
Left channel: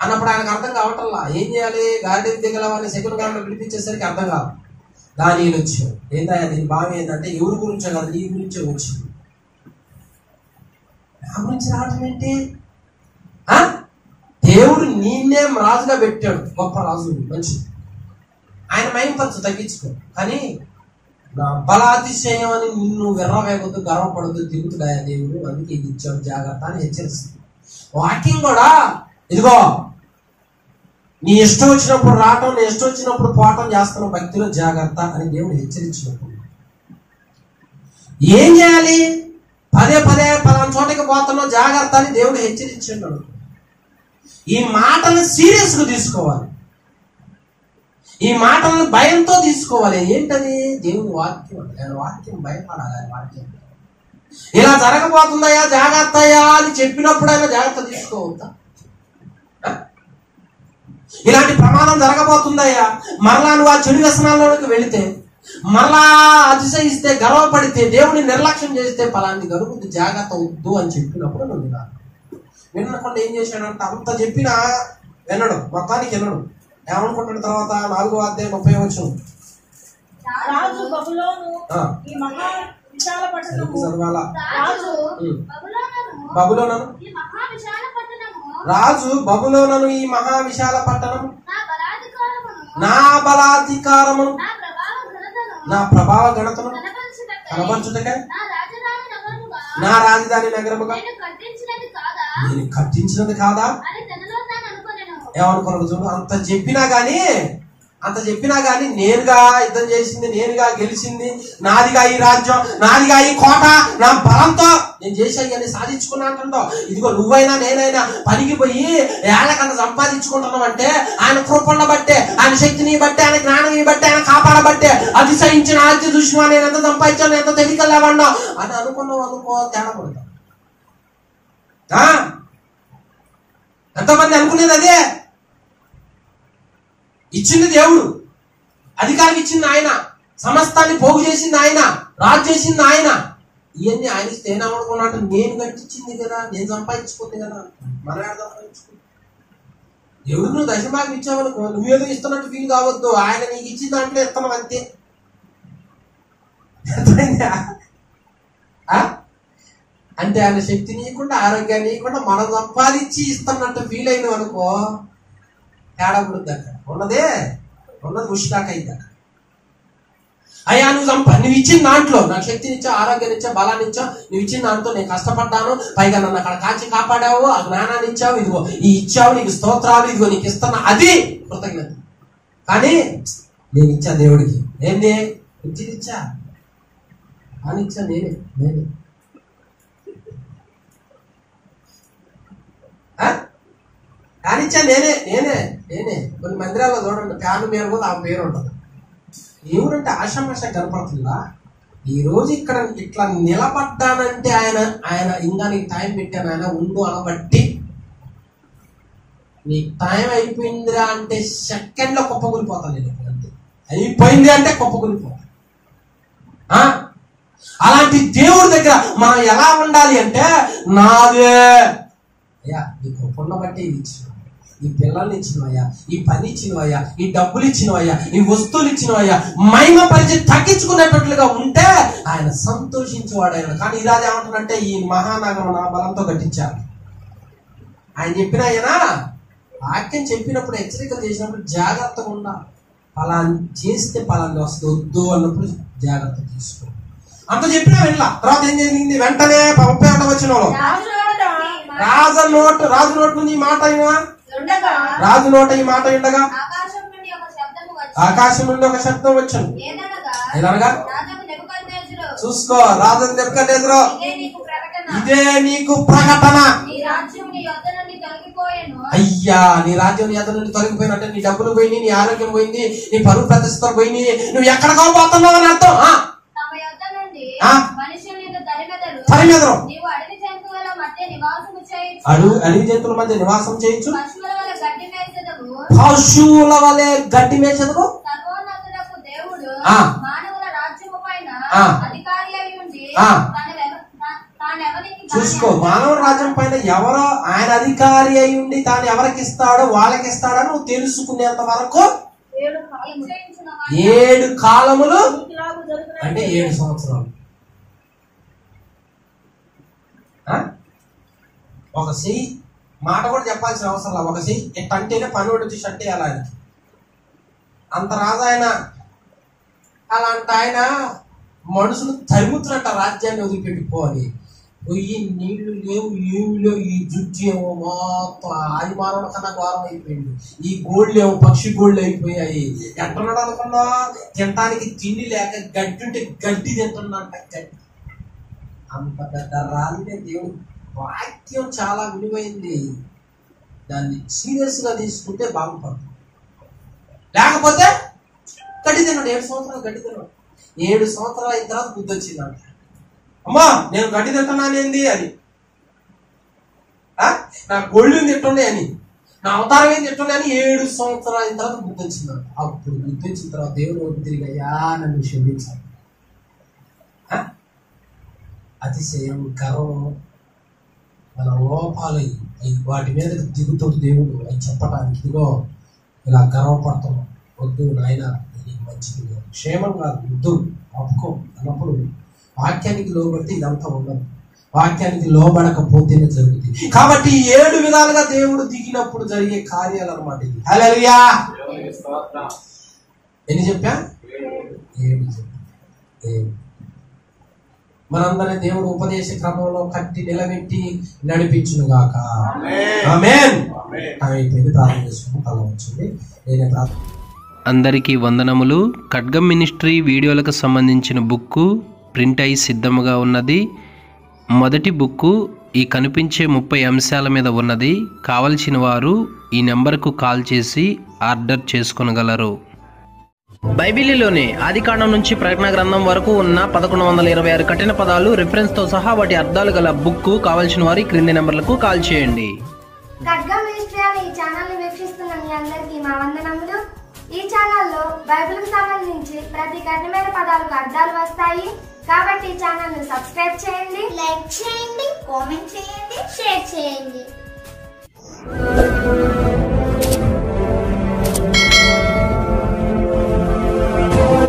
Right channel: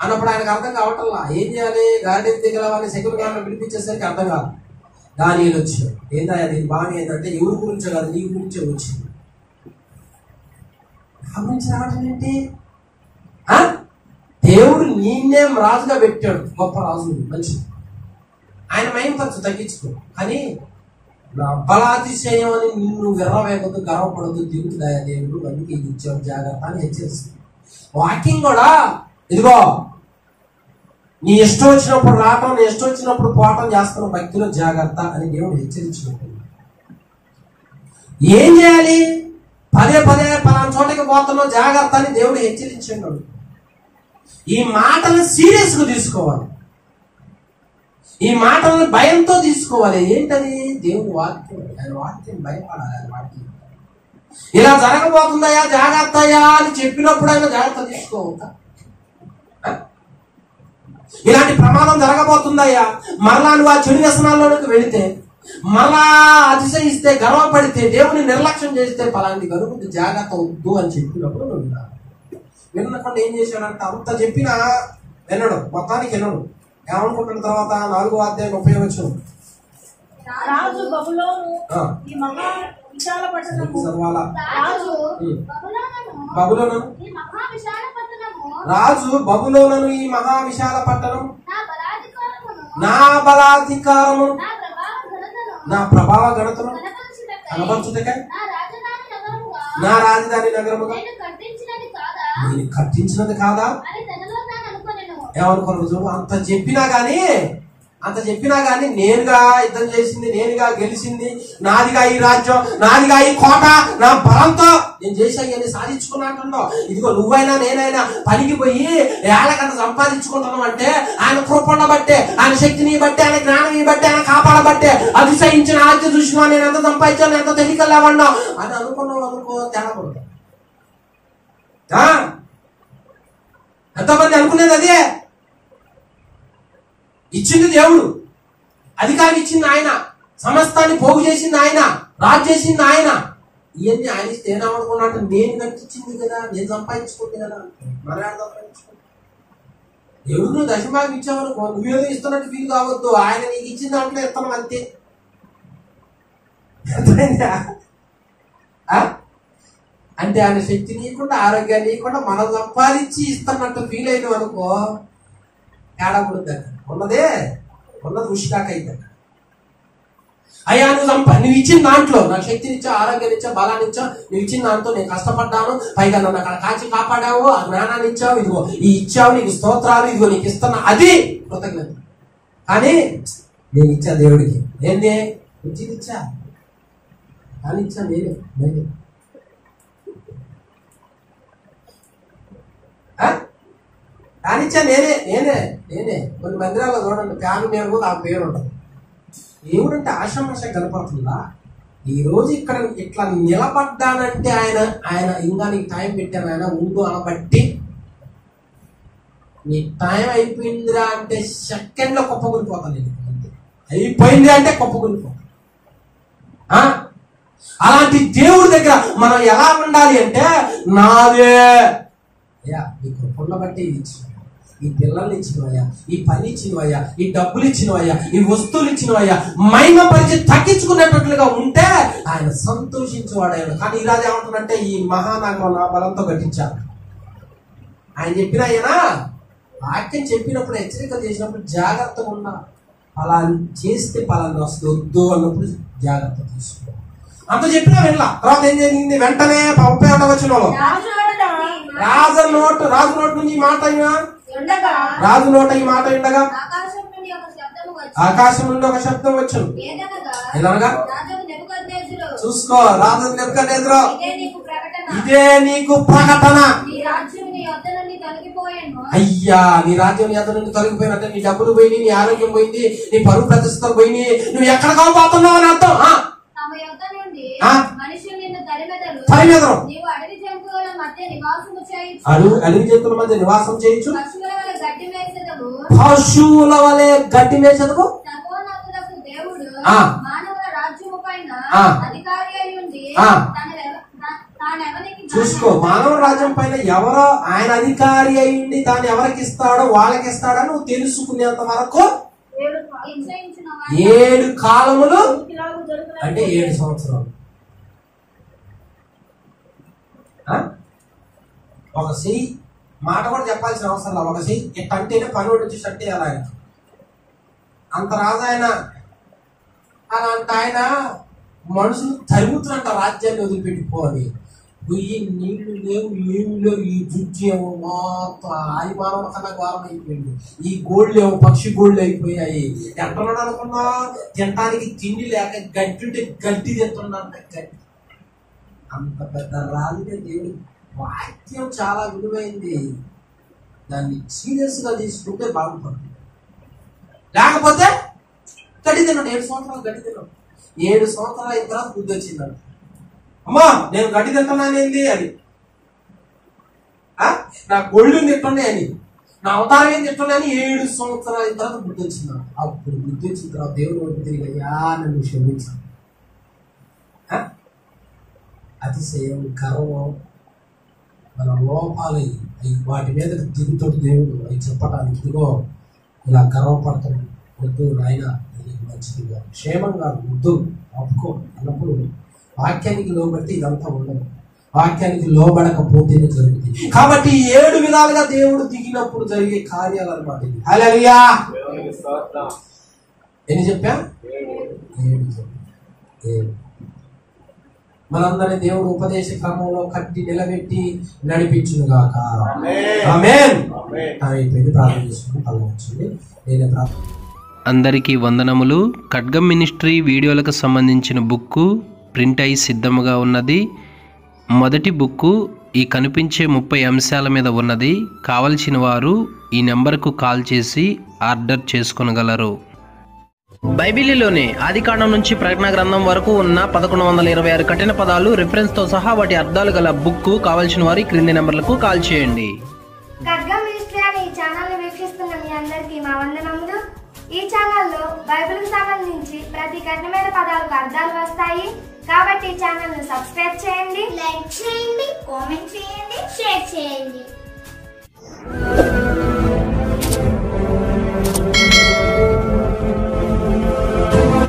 అన్నప్పుడు ఆయనకు అర్థం కావటంలా. ఏం చేయాలి? గార్డెన్ దిగల వారిని సెక్యూర్ గార్డెన్ పిలిపించేసరికి అర్థం కాదు. దానిలో వచ్చాడు. ఏంటయ్యా దీని భావం ఏంటంటే ఎవరి గురించో కాదు, నీ గురించే వచ్చింది. నా గురించి రావడం ఏంటి? దేవుడు నిన్నే రాజుగా పెట్టాడు, గొప్ప రాజు, మంచిది. ఆయన మహింపరచు, తగ్గించుకో. కానీ నా బలాతిశయం అని నిన్ను విర్రవేగొద్దు, గర్వపడద్దు, దిగుతుడాయా దేవుడు, అందుకే ఇది ఇచ్చాడు, జాగ్రత్త అని హెచ్చరిస్తుంది. వాక్యం కూడా ఇదిగో నీ ఇష్టం వచ్చినప్పుడు రావటం, నీ ఇష్టం వచ్చినప్పుడు పోవటం చేస్తున్న భక్తిలో జాగ్రత్త అని దేవుడు హెచ్చరించినప్పుడు ఏం చేయాలి? పదే పలానా చోటకి పోతున్నావు, జాగ్రత్త అని దేవుడు హెచ్చరించాడు. ఈ మాటల్ని సీరియస్ గా తీసుకోవాలి. ఈ మాటలను భయంతో తీసుకోవాలి. ఏంటది? దేవుని వాక్యం. ఆయన వాక్యం భయపడాలి. ఆయన వాక్యం ఇలా జరగబోతుందయ్యా, జాగ్రత్త అయ్యా అని చెప్పినప్పుడు ఆయన జాగ్రత్త తీసుకోవద్దా? ఇలాంటి ప్రమాదం జరగబోతుందయ్యా, మరలా నువ్వు ఆ చెడు వ్యసనాల్లోకి వెళితే, మరలా అతిశయిస్తే, గర్వపడితే, దేవుని నిర్లక్ష్యం చేస్తే పలాంటి గరువు జాగ్రత్త వద్దు అని చెప్పినప్పుడు నువ్వు వినాలి. వినకుండా ఏం చేశాడంట? అంత చెప్పినా వినడు, మొత్తానికి వినడు. ఏమనుకుంటున్న తర్వాత 4వ అధ్యాయం 30 వచనం. రాజు బబులోను ఈ మహా విశాల పట్టణము. రాజు బబులోనను ఈ మహా విశాల పట్టణం నా బలాధికారము, నా ప్రభావ ఘనతను కనబరచుటకై నా రాజధాని నగరముగా నేను కట్టించినది కాదా? ఏమనుకున్నాడు చూడు. అంత చెప్పినా గానీ నేనుగా యుద్ధం చేసింది, నేనుగా గెలిచింది, నాదిగా ఈ రాజ్యం, నాదిగా ఈ కోట, నా బలంతో నేను చేసాయని సాధించుకున్నా అంటుండవు. ఇదిగో నువ్వైనా నేనైనా పనికి పోయి ఏళ్ళకంత సంపాదించుకుంటున్నాం అంటే ఆయన కృపణ బట్టే, ఆయన శక్తిని బట్టే, ఆయన జ్ఞానం బట్టే, ఆయన కాపాడబట్టే. అతిశయించిన ఆజ్ఞ చూసినా నేను ఎంత సంపాదించాను, ఎంత తెలియకలేవన్నా అని అనుకున్నావు అనుకో, తేడా పడతా. ఎంతమంది అనుకునేది అదే. ఇచ్చింది దేవుడు, అధికారం ఇచ్చింది ఆయన, సమస్తాన్ని పోగు చేసింది ఆయన, రాజు చేసింది ఆయన. ఇవన్నీ ఆయన ఇస్తే ఏమనుకున్నట్టు, నేను కట్టించింది కదా, నేను సంపాదించుకుంది కదా. మన సంపాదించుకుంది దేవుడు. నువ్వు దశభాగం ఇచ్చావనుకో, నువ్వేదో ఇస్తున్నట్టు ఫీల్ కావద్దు. ఆయన నీకు ఇచ్చిన దాంట్లో ఇస్తాను అంతే. అంటే ఆయన శక్తి నీయకుండా, ఆరోగ్యాన్ని నీయకుండా మనం సంపాదించి ఇస్తున్నట్టు ఫీల్ అయినావు అనుకో, తేడా పడుద్దాక. ఉన్నది ఉష్కాక అయిందాక. అయ్యా నువ్వు ఇచ్చిన దాంట్లో నాకు శక్తినిచ్చా, ఆరోగ్యాన్నిచ్చా, బలాన్నిచ్చా, నువ్వు ఇచ్చిన దాంట్లో నేను కష్టపడ్డాను, పైగా నన్ను అక్కడ కాచి కాపాడావు, ఆ జ్ఞానాన్ని ఇచ్చావు, ఇదిగో ఈ ఇచ్చావు, నీకు స్తోత్రాలు, ఇదిగో నీకు ఇస్తున్నా, అది కృతజ్ఞత. కానీ నేను ఇచ్చా దేవుడికి, నేనే ఇచ్చా, అని ఇచ్చా, నేనే కానిచ్చా నేనే కొన్ని మందిరాల్లో చూడండి ఫ్యాన్ మీద కూడా ఆ పేరు ఉంటుంది. దేవుడంటే ఆషామాష కనపడుతుందా? ఈ రోజు ఇక్కడ ఇట్లా నిలబడ్డానంటే ఆయన ఇంకా నీకు టైం పెట్టాను, ఆయన ఉండు అనబట్టి నీ టైం అయిపోయిందిరా అంటే సెకండ్ లో కుప్పకూలిపోతాను నేను. అంతే, అయిపోయింది అంటే కుప్పకూలిపోతాను. అలాంటి దేవుడి దగ్గర మనం ఎలా ఉండాలి అంటే, నాదే అయ్యా నీ కృపను బట్టి ఇది ఇచ్చినవయ్యా, ఈ పిల్లల్ని ఇచ్చినవయ్యా, ఈ పని ఇచ్చినవయ్యా, ఈ డబ్బులు ఇచ్చినవయ్యా, ఈ వస్తువులు ఇచ్చినవయ్యా, మహిమ పరిచయం తగ్గించుకునేటట్లుగా ఉంటే ఆయన సంతోషించేవాడు. కానీ ఈ రాజు ఏమంటాడంటే, ఈ మహానగరం నా బలంతో కట్టించారు. ఆయన చెప్పిన ఆయన వాక్యం చెప్పినప్పుడు హెచ్చరిక చేసినప్పుడు జాగ్రత్తగా ఉండా. పలాని చేస్తే పలాని వస్తుంది, వద్దు అన్నప్పుడు జాగ్రత్త తీసుకో. అంత చెప్పినా వెళ్ళా. తర్వాత ఏం జరిగింది? వెంటనే 31వ వచనంలో రాజు నోటి నుంచి ఈ మాట రాజు నోట ఈ మాట ఉండగా ఆకాశం నుండి ఒక శబ్దం వచ్చును. ఏదనగా చూసుకో, రాజు నెబుకద్నెజరు, ఇదే నీకు ప్రకటన. అయ్యా నీ రాజ్యం నీ యొద్ద నుండి తొలగిపోయినట్టే, నీ డబ్బులు పోయినాయి, నీ ఆరోగ్యం పోయింది, నీ పరువు ప్రతిష్టలు పోయినాయి, నువ్వు ఎక్కడికో పోతున్నావు అని అర్థం. తరిమెదరు అడవి జంతువుల మధ్య నివాసం చేయొచ్చు, పశువుల వలె గడ్డి మేసదుకు. చూసుకో, మానవ రాజ్యం పైన ఎవరో ఆయన అధికారి అయి ఉండి తాను ఎవరికి ఇస్తాడో వాళ్ళకి ఇస్తాడో నువ్వు తెలుసుకునేంత వరకు 7 కాలములు అంటే 7 సంవత్సరాలు. ఒక చెయ్యి మాట కూడా చెప్పాల్సిన అవసరం లేదు. ఒక చెయ్యి ఇట్టంటేనే పని వచ్చి షట్టే అలా ఆయన అంత రాజు ఆయన. అలాంటి ఆయన మనుషులు తరుముతున్నట్ట రాజ్యాన్ని వదిలిపెట్టిపోవాలి. పొయ్యి నీళ్లు లేవు, ఏమి లేవు, ఈ జుజ్జు ఏమో మొత్తం ఆది మానవుల కన్నా ఘోరం అయిపోయింది. ఈ గోళ్ళు ఏమో పక్షి గోళ్ళు అయిపోయాయి. ఎంటున్నాడు అనుకున్నా, తినడానికి తిండి లేక గడ్డి ఉంటే గడ్డి తింటున్నాంట. గడ్డి అంత పెద్ద రాజునే దేవుడు. వాక్యం చాలా విలువైంది, దాన్ని సీరియస్ గా తీసుకుంటే బాగుపడుతుంది. లేకపోతే గడ్డి తిన్నాడు, 7 సంవత్సరాలు గడ్డి తిన్నాడు. 7 సంవత్సరాలు అయిన తర్వాత బుద్ధి వచ్చిందంట. అమ్మా నేను గడ్డి తింటున్నానేంది అని, నా గొళ్ళు తింటున్నాయి అని, నా అవతారం ఏం తింటున్నాయని 7 సంవత్సరాలు అయిన తర్వాత బుద్ధి వచ్చిందంట. అప్పుడు బుద్ధి వచ్చిన తర్వాత దేవుడు వైపు తిరిగి, అయ్యా నన్ను క్షమించాలి. అతిశయం, గర్వం, మన లోపాలు వాటి మీద దిగుతాడు దేవుడు. అవి చెప్పడానికి, ఇదిగో ఇలా గర్వపడతాం, వద్దు నాయన నీకు మంచిది, క్షేమంగా వద్దు ఆపుకో అన్నప్పుడు వాక్యానికి లోబడితే ఇదంతా ఉండదు. వాక్యానికి లోబడకపోతేనే జరుగుతుంది. కాబట్టి 7 విధాలుగా దేవుడు దిగినప్పుడు జరిగే కార్యాలు అన్నమాట ఇది. హల్లెలూయా. ఎన్ని చెప్పా? 7 చెప్పా. మనందరినీ దేవుడు ఉపదేశ క్రమంలో కట్టి నిలబెట్టి నడిపించును గాక. ఆమేన్. అయిపోయింది. ప్రార్థన చేసుకుని తల వచ్చింది. నేనే ప్రార్థన. అందరికీ వందనములు. ఖడ్గం మినిస్ట్రీ వీడియోలకు సంబంధించిన బుక్కు ప్రింట్ అయి సిద్ధముగా ఉన్నది. మొదటి బుక్కు ఈ కనిపించే 30 అంశాల మీద ఉన్నది. కావలసిన వారు ఈ నెంబర్కు కాల్ చేసి ఆర్డర్ చేసుకొనగలరు. బైబిలులోనే ఆదికాండం నుంచి ప్రకటన గ్రంథం వరకు ఉన్న 1126 కఠిన పదాలు రిఫరెన్స్ తో సహా వాటి అర్థాలు గల బుక్ కావాల్సిన వారి క్రింది నెంబర్లకు కాల్ చేయండి. ఖడ్గం మినిస్ట్రీ అనే ఈ ఛానల్ ని వీక్షిస్తున్న మీ అందరికీ మా వందనములు. ఈ ఛానల్లో బైబిల్కి సంబంధించి ప్రతి కఠినమైన పదాలకు అర్థాలు వస్తాయి. కాబట్టి ఈ ఛానల్ ని సబ్స్క్రైబ్ చేయండి, లైక్ చేయండి, కామెంట్ చేయండి, షేర్ చేయండి.